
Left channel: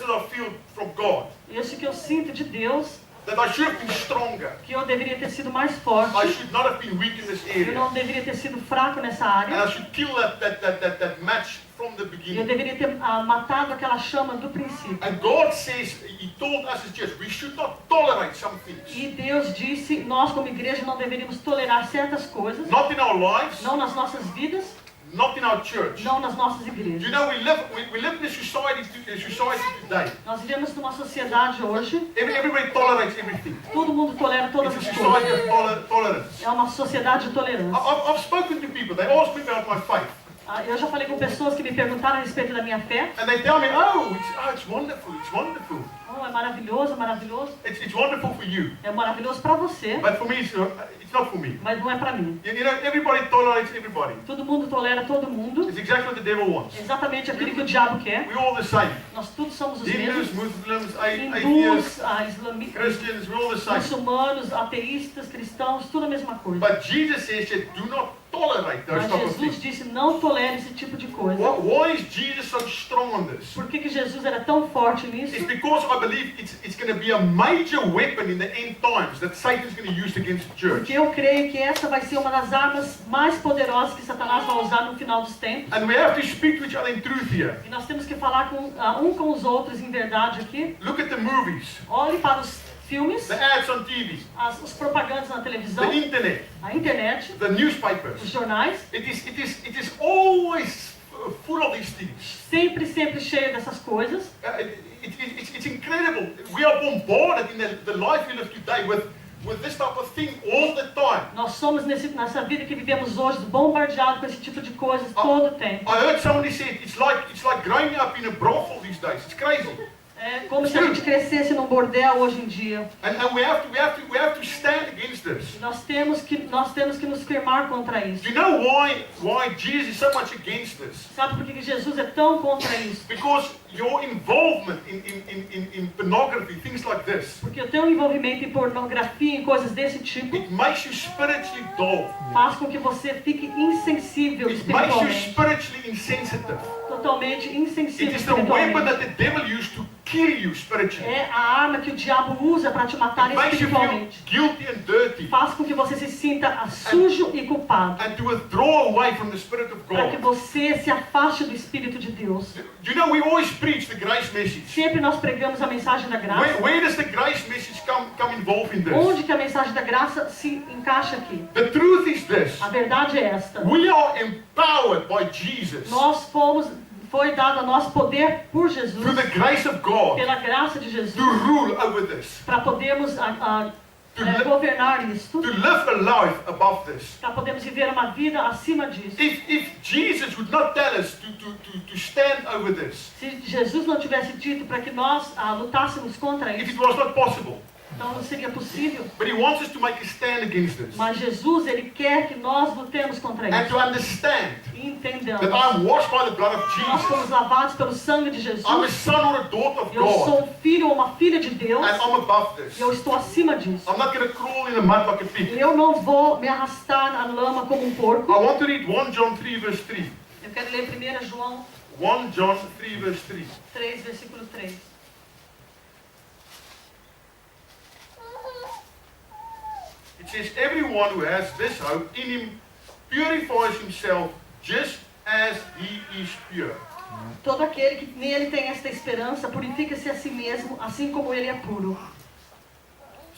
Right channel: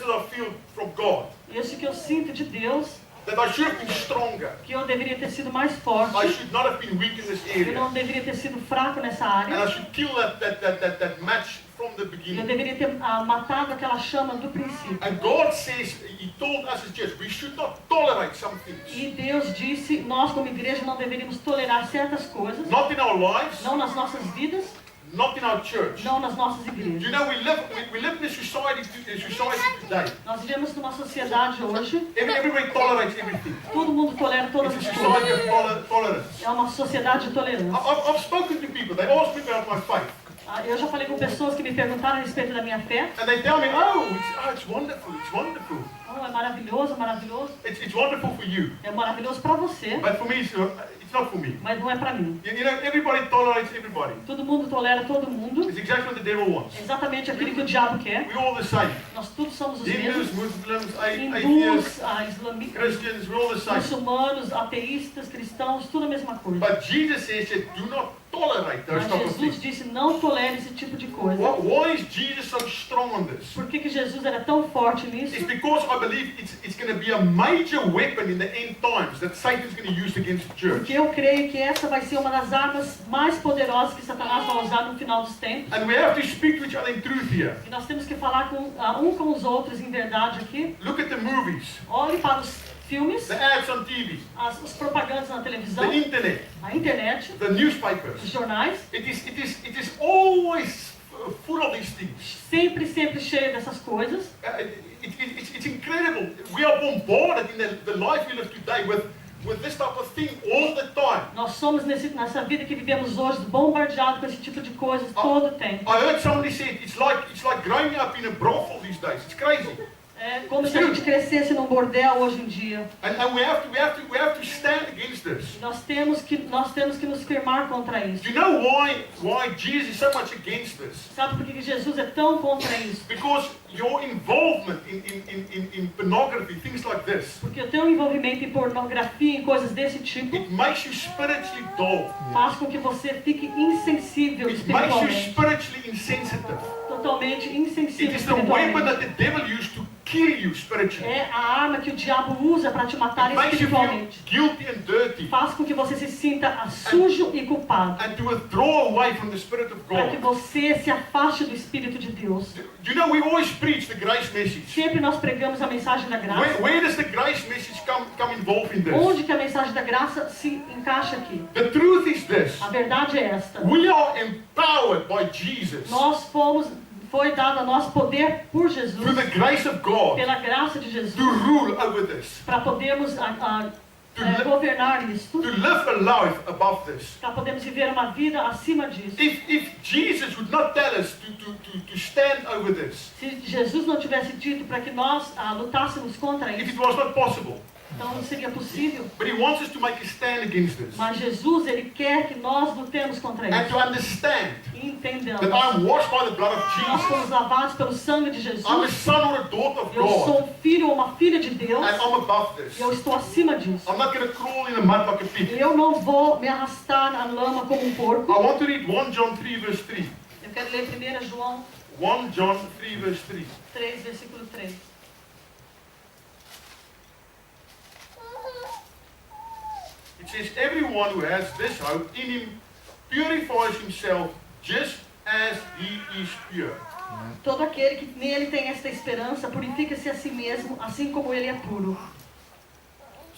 what I feel from God. Isso que eu sinto de Deus, That I should have been stronger. que eu deveria ter sido mais I forte. should not have been weak in this Eu area. não deveria ter sido fraco nessa And área. I should kill that match from the Eu beginning. deveria ter matado aquela chama do princípio. And God says, He told us as church, we should not tolerate some things. E Deus disse, nós como igreja não deveríamos tolerar certas coisas, Not in our lives, não nas nossas vidas, not in our church. não nas nossas Do you igrejas. know we live in a society today. Nós vivemos numa sociedade hoje, Everybody tolerates everything. todo mundo tolera todas It's a as society coisas. of tolerance. É uma sociedade de tolerância. I've spoken to people. They ask me about my faith, Eu já falei com pessoas que me perguntaram a respeito da minha fé. and they tell me, it's wonderful. It's wonderful. Oh, é maravilhoso, é maravilhoso. It's wonderful for you, É maravilhoso para você, but for me, it's not for me. mas não é para mim. You know, everybody tolerates everybody. Todo mundo tolera todo mundo. It's exactly what the devil wants. É exatamente aquilo que o diabo quer. We're all the same. Nós todos somos os Hindus, mesmos. Muslims, atheists, Hindus, Christians, we're all the same. muçulmanos, ateístas, cristãos, tudo a mesma coisa. But Jesus says that do not tolerate those Mas type of Jesus things. disse, não tolere esse tipo de coisa. Why is Jesus so strong on this? Por que Jesus era tão forte It's nisso? because I believe it's going to be a major weapon in the end times that Satan's going to use against the church. Porque eu creio que essa vai ser uma das armas mais poderosas que Satanás vai usar no final dos tempos. And we have to speak to each other in truth here. E nós temos que falar um com os outros em verdade aqui. Look at the movies, Olhe para os filmes, the ads on TV, os propagandas na televisão, the internet, a internet, the os newspapers. jornais, It is always full of these things. sempre cheio dessas coisas. It's incredible. We are bombarded in the life we live today with this type of thing all the time. Nós somos nessa vida que vivemos hoje bombardeados com esse tipo de coisas todo o tempo. I heard somebody say it's like growing up in a brothel these days. It's crazy. É como se a gente crescesse num bordel hoje em dia. And we have to stand against this. Nós temos que nos firmar contra isso. Do you know why Jesus is so much against this? Sabe por que Jesus é tão contra isso? Because your involvement in pornography, things like this, Porque o teu envolvimento em pornografia, em coisas desse tipo, it makes you spiritually dull. faz com que você fique insensível It makes you espiritualmente. spiritually insensitive. Totalmente It insensível is the weapon espiritualmente. that the devil used to kill you spiritually. É a arma que o diabo usa para te matar It makes you feel espiritualmente. guilty and dirty, Faz com que você se sinta sujo e culpado. and to withdraw away from the Spirit of Para que God. você se afaste do Espírito de Deus. Do you know, we always preach the grace message. Sempre nós pregamos a mensagem da graça. Where does the grace message come involved in this? Onde que a mensagem da graça se encaixa aqui? The truth is this. A verdade é esta. We are empowered by Jesus Foi dado a nós poder por Jesus, through the grace of God pela graça de Jesus, to rule over this, para podermos governar isto, to live a life above this. para podermos viver uma vida acima disso. If Jesus would not tell us to stand over this, Se Jesus não tivesse dito para que nós lutássemos contra if it isso, was not possible, então não seria possível. but He wants us to make a stand against this Mas Jesus, Ele quer que nós lutemos contra and isso. to understand E entendamos. that I'm washed by the blood of Nós Jesus. fomos lavados pelo sangue de Jesus. I'm a son or a daughter of Eu sou God, um filho ou uma filha de Deus. and I'm above this. E eu estou acima disso. I'm not going to crawl in the mud like a pig. Eu não vou me arrastar na lama como um porco. I want to read 1 John 3 verse 3. Eu quero ler 1 João 1 John 3 verse 3. 3, versículo 3. It says, everyone who has this hope in Him purifies himself just as He is pure. Todo aquele que nele tem esta esperança purifica-se a si mesmo, assim como ele é puro.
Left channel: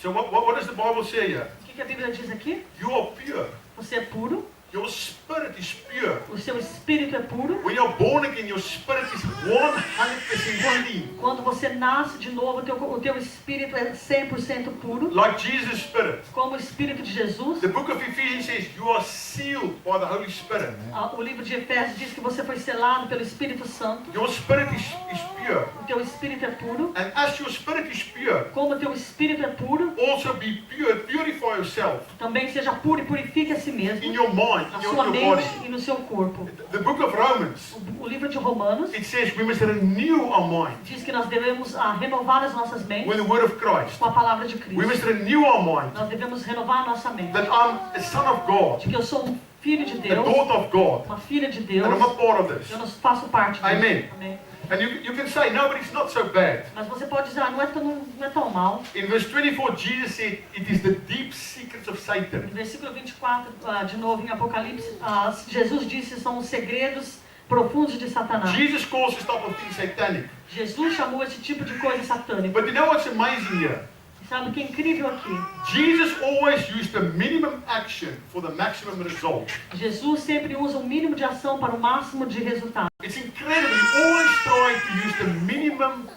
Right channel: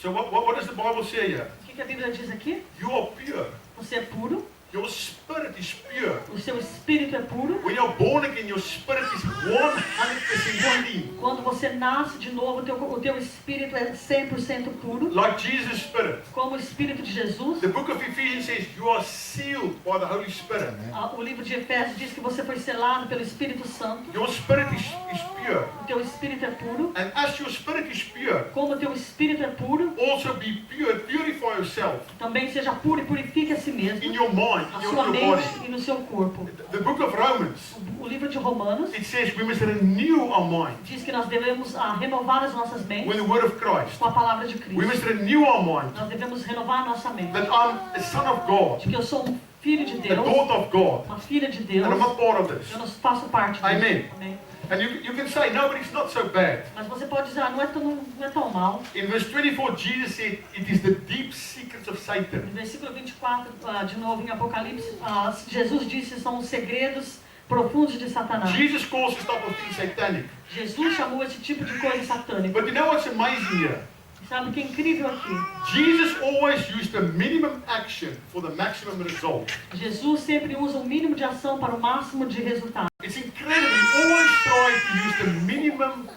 So what does the Bible say here? O que a Bíblia diz aqui? You are pure. Você é puro, Your spirit is pure. o seu espírito é puro. When you're born again, your spirit is 100% clean. Quando você nasce de novo, o teu espírito é 100% puro, Like Jesus' spirit. como o espírito de Jesus. The book of Ephesians says you are sealed by the Holy Spirit. O livro de Efésios diz que você foi selado pelo Espírito Santo. Your spirit is pure. O teu espírito é puro. And as your spirit is pure, Como o teu espírito é puro, also be pure. Purify yourself também seja puro e purifique a si mesmo, in your mind, a in sua your mente body. e no seu corpo. The book of Romans, O livro de Romanos it says we must renew our mind diz que nós devemos renovar as nossas with mentes the word of Christ. com a palavra de We Cristo. must renew our mind Nós devemos renovar a nossa mente. that I'm a son of God, De que eu sou um filho de a Deus, daughter of God, uma filha de Deus. and I'm a part of this. Eu não faço parte disso. Amen. Amém. And you can say, no, but it's not so bad. Mas você pode dizer, não é tão mal. In verse 24, Jesus said, it is the deep secrets of Satan. No versículo 24, de novo em Apocalipse, Jesus disse, são os segredos profundos de Satanás. Jesus calls this type of thing satanic. Jesus chamou esse tipo de coisa satânica. But you know what's amazing here? Sabe o que é incrível aqui? Jesus always used the minimum action for the maximum result. Jesus sempre usa o mínimo de ação para o máximo de resultado. It's incredible. He always tried to use the minimum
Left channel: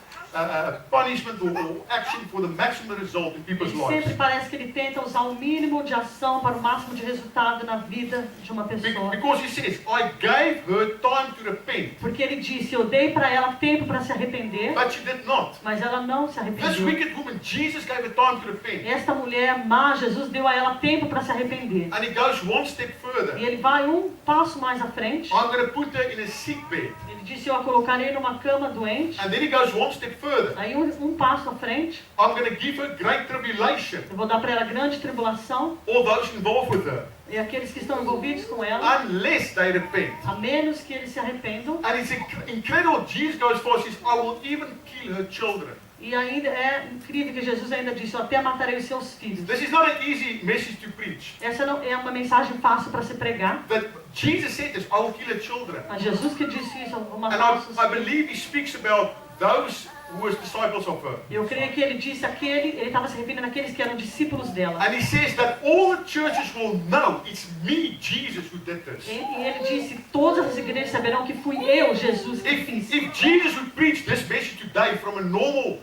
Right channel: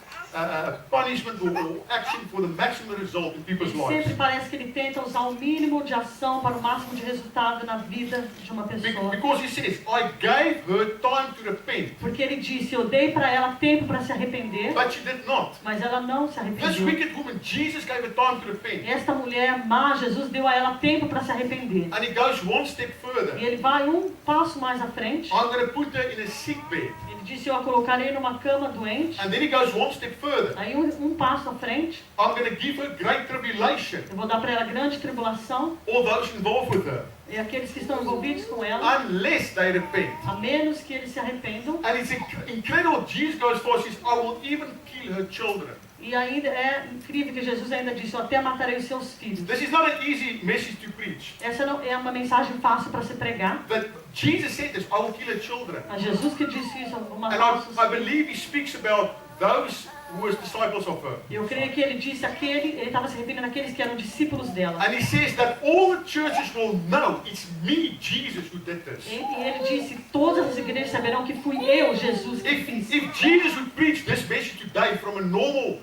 punishment or action for the maximum result in people's Sempre lives. parece que ele tenta usar o mínimo de ação para o máximo de resultado na vida de uma pessoa. Because he says, I gave her time to repent, Porque ele disse, eu dei para ela tempo para se arrepender, but she did not. mas ela não se This arrependeu. wicked woman, Jesus gave her time to repent. Esta mulher má, Jesus deu a ela tempo para se arrepender. And he goes one step E further. ele vai um passo mais à frente. I'm going to put her in a sick bed. Ele disse, eu a colocarei numa cama doente. And then he goes one step further. Aí um passo à frente, I'm going to give her great tribulation, eu vou dar para ela grande tribulação. all those involved with her, E aqueles que estão envolvidos com ela, unless they repent. a menos que eles se arrependam. And it's incredible. Jesus goes far and says, I will even kill her children. E ainda é incrível que Jesus ainda disse, eu até matarei os seus filhos. This is not an easy message to preach. Essa não é uma mensagem fácil para se pregar. But Jesus said this, I will kill her children. Mas Jesus que disse isso, algumas And vezes. I believe he speaks about those who were disciples of her. Eu creio que ele disse ele estava se referindo àqueles que eram discípulos dela. And he says that all the churches will know it's me, Jesus, who did this. E ele disse, todas as igrejas saberão que fui eu, Jesus, que fiz. If Jesus would preach this message today from a normal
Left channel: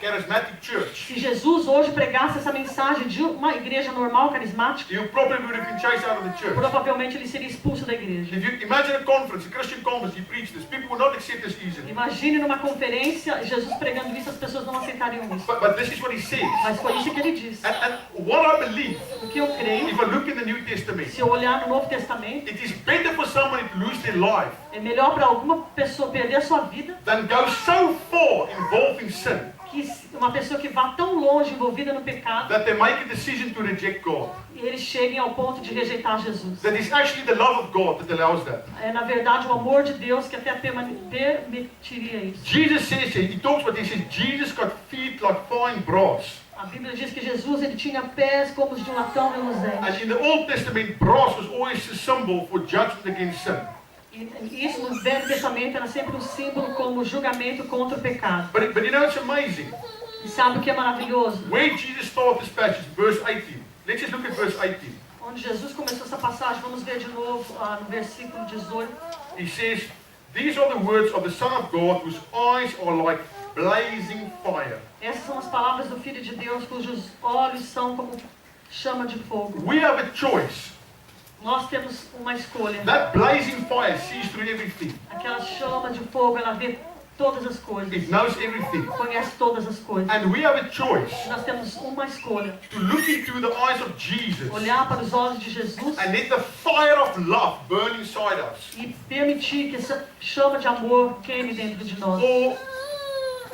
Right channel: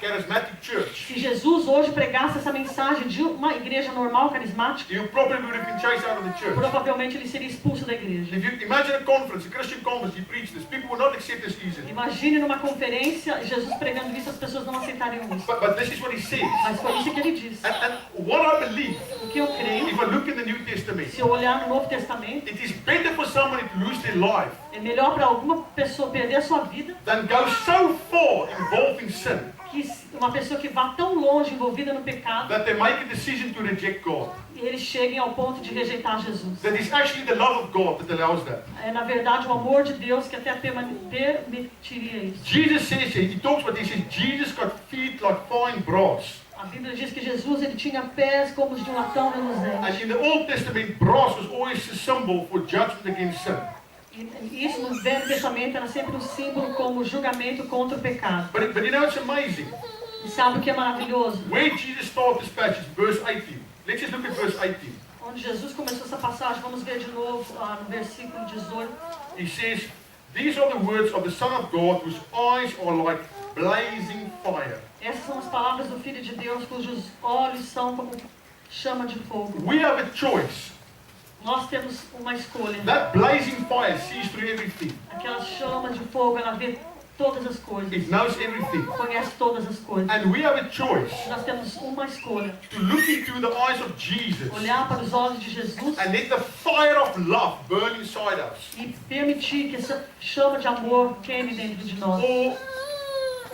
charismatic church, Se Jesus hoje pregasse essa mensagem de uma igreja normal, carismática, you probably would have been chased out of the church. provavelmente ele seria expulso da igreja. If you imagine a conference, a Christian conference, he preached this, people would not accept this easily. Imagine numa conferência, Jesus pregando isso, as pessoas não aceitariam isso. But this is what he says. Mas foi isso que ele disse. And what I believe, O que eu creio, if I look in the New Testament, se eu olhar no Novo Testamento, it is better for somebody to lose their life é melhor para alguma pessoa perder a sua vida than go so far involved in sin que uma pessoa que vá tão longe envolvida no pecado that they make a decision to reject God. e eles cheguem ao ponto de rejeitar Jesus. That is actually the love of God that allows that. É na verdade o amor de Deus que até permitiria isso. Jesus says, he talks about this, he says, Jesus got feet like fine brass. A Bíblia diz que Jesus ele tinha pés como os de um latão And reluzente. in the Old Testament, brass was always a symbol for judgment against sin. E isso no Velho Testamento era sempre um símbolo como julgamento contra o pecado. But you know, it's amazing. E sabe o que é maravilhoso? Where Jesus started this passage, verse 18. Let's just look at verse 18. Onde Jesus começou essa passagem, vamos ver de novo no versículo 18. He says, these are the words of the Son of God, whose eyes are like blazing fire. Essas são as palavras do Filho de Deus, cujos olhos são como chama de fogo. We have a choice. Nós temos uma escolha. That blazing fire sees through everything. Aquela chama de fogo, ela vê todas as coisas. It knows everything. Conhece todas as coisas. And we have a choice Nós temos uma escolha. to look into the eyes of Jesus Olhar para os olhos de Jesus and let the fire of love burn inside us. e permitir que essa chama de amor queime dentro de nós. Or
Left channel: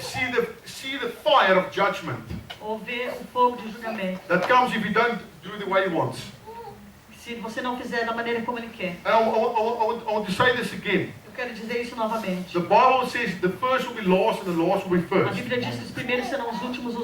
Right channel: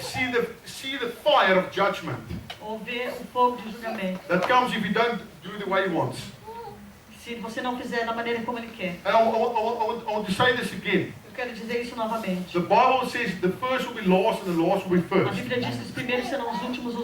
see the fire of judgment Ou ver o fogo de julgamento. that comes if you don't do the way he wants. Se você não fizer da maneira como Ele quer. And I want to say this again. Eu quero dizer isso novamente. The Bible says the first will be last and the last will be A first. Bíblia diz que os primeiros serão os últimos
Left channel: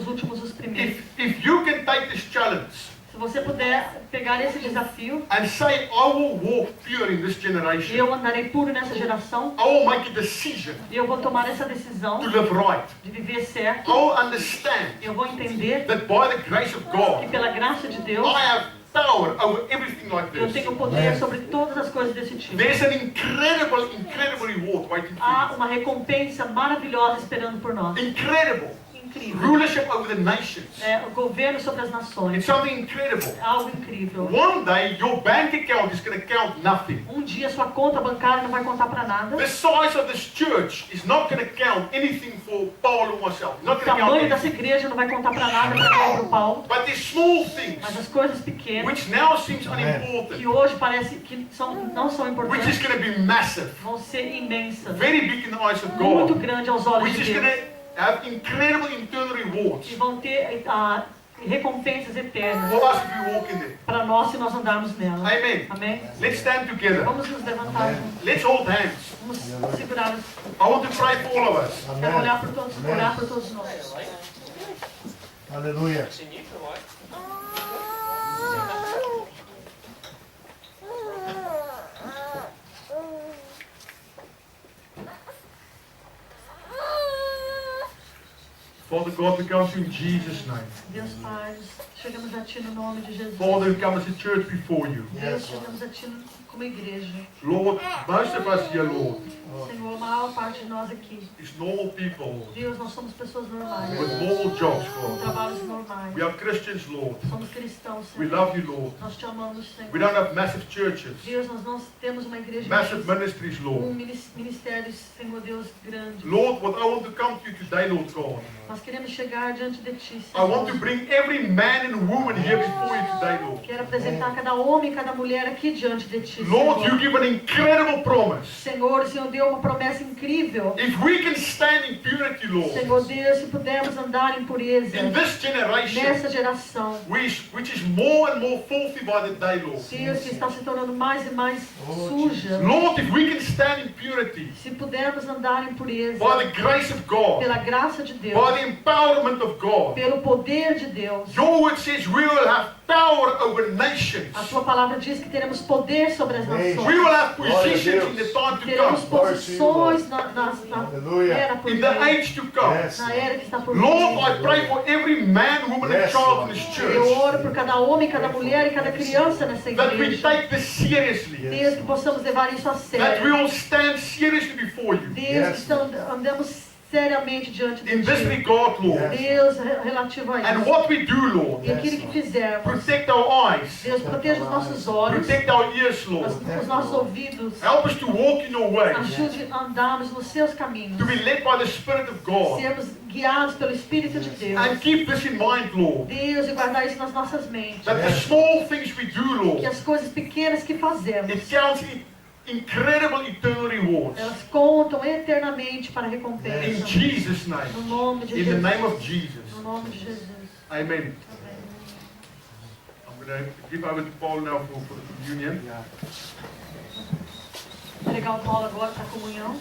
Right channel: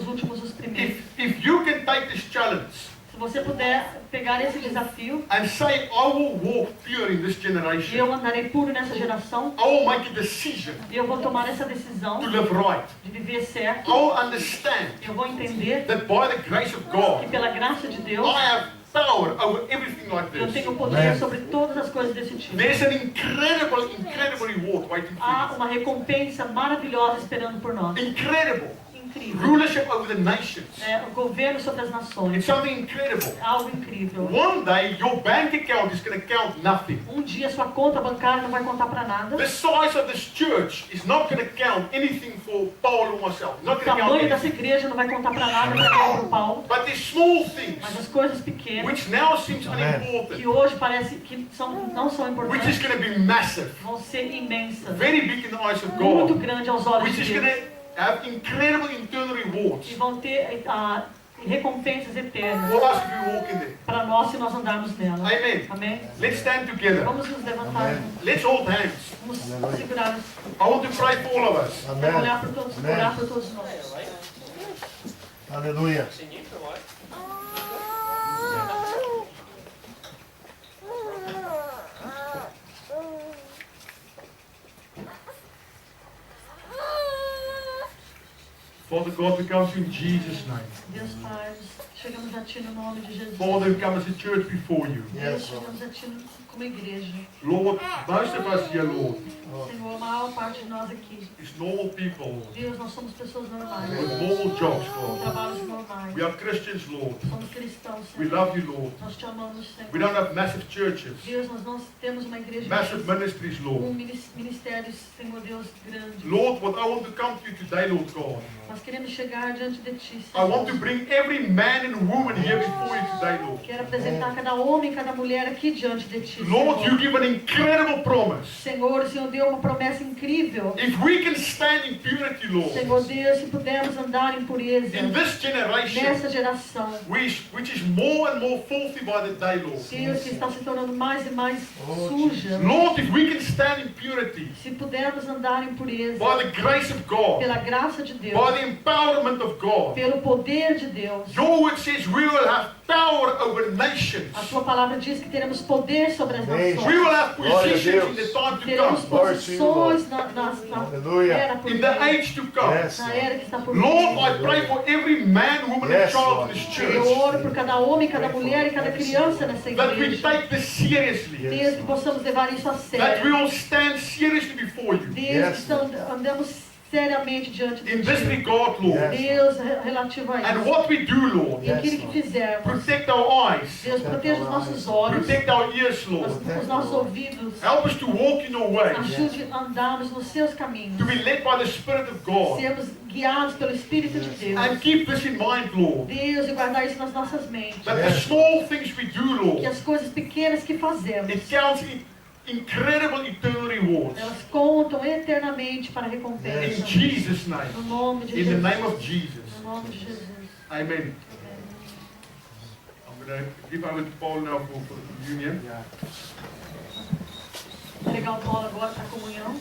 os primeiros. If you can take this challenge Se você puder pegar esse desafio, and say, I will walk pure in this generation, eu andarei puro nessa geração, I will make a decision eu vou tomar essa decisão to live right. de viver certo, I will understand eu vou entender that by the grace of que God, pela graça de Deus, I have power over everything like eu this. tenho poder sobre todas as coisas desse tipo. There's an incredible reward waiting Há for uma recompensa maravilhosa esperando por nós. you. Incredible. Incrível. Rulership over the nations. É, o governo sobre as nações. It's something incredible. É algo incrível. One day, your bank account is going to count nothing. Um dia sua conta bancária não vai contar para nada. The size of this church is not going to count anything for Paul or myself. It's O not going to count tamanho dessa anything. igreja não vai contar para nada para mim ou para o Paulo. But these small things, Mas as coisas pequenas, which now seems que unimportant, hoje parece que não são which is importantes, going to be massive, vão ser imensas. very big in the eyes of Muito God, grande aos olhos which de is going Deus. to have incredible internal rewards E vão ter recompensas eternas for us if we walk in there. para nós se nós andarmos nela. Amen. Amém? Let's stand together. Vamos nos levantar juntos. Let's hold hands. Vamos segurar. I want to pray for all of us. Quero olhar por todos nós. Aleluia. Father God, we come to you in Jesus' name. Deus Pai, chegamos a Ti no nome de Jesus. Father, we come as a church before you. Deus, chegamos a Ti como igreja. Lord, most of us here, Lord, Senhor, a maior parte de nós aqui. is normal people, Lord, Deus, nós somos pessoas normais. with normal jobs, Com God. trabalhos normais. We are Christians, Lord. Somos cristãos, We Senhor. love you, Lord. Nós te amamos, We Senhor. don't have massive churches, Deus, nós não temos uma igreja massive imensa, ministries, Lord. ministérios, Senhor Deus, grande. Lord, what I want to come to you today, Lord God, Nós queremos chegar diante de Ti, I want to Senhor. bring every man and woman here before you today, Lord. Quero apresentar cada homem e cada mulher aqui diante de Ti, Lord, you Senhor. give an incredible promise. Senhor, o Senhor deu uma promessa incrível. If we can stand in purity, Lord, Senhor Deus, se pudermos andar em pureza in this generation, nessa geração, which is more and more filthy by the day, Lord. Deus, que está se tornando mais e mais suja, Lord, if we can stand in purity, se pudermos andar em pureza, by the grace of God, pela graça de Deus, by the empowerment of God, pelo poder de Deus, your word says we will have power over nations. a Sua palavra diz que teremos poder sobre as We nações. will have Glória a positions Deus. in the time to Teremos come, posições na Aleluia. era por in the vir, age to come. Yes. na era que está por Lord, vir. I pray for every man, woman, and Yes, child Lord. in this Eu church oro por cada homem, cada mulher e cada criança nessa that we igreja. take this seriously, Deus, que possamos levar isso a that we sério. will stand seriously before you. Deus, que andamos seriamente diante de In this Ti. regard, Lord, Yes. Deus, relativo a and isso. what we do, Lord, E aquilo que fizermos. protect our eyes, Deus, proteja os nossos olhos, protect our ears, Lord. os nossos ouvidos. Help us to walk in your ways, Ajude a andarmos nos seus caminhos. to be led by the Spirit of God, Sermos guiados pelo Espírito de Deus. and keep this in mind, Lord, Deus, e guardar isso nas nossas mentes. that the small things we do, Que Lord, as coisas pequenas que fazemos, it counts in incredible eternal rewards. elas contam eternamente para a In recompensa. Jesus' No name, nome de in the Jesus. name of Jesus. No nome de Jesus. Amen. Amém. I'm going to give over to Paul now for the communion. Vou entregar o Paulo agora para a comunhão.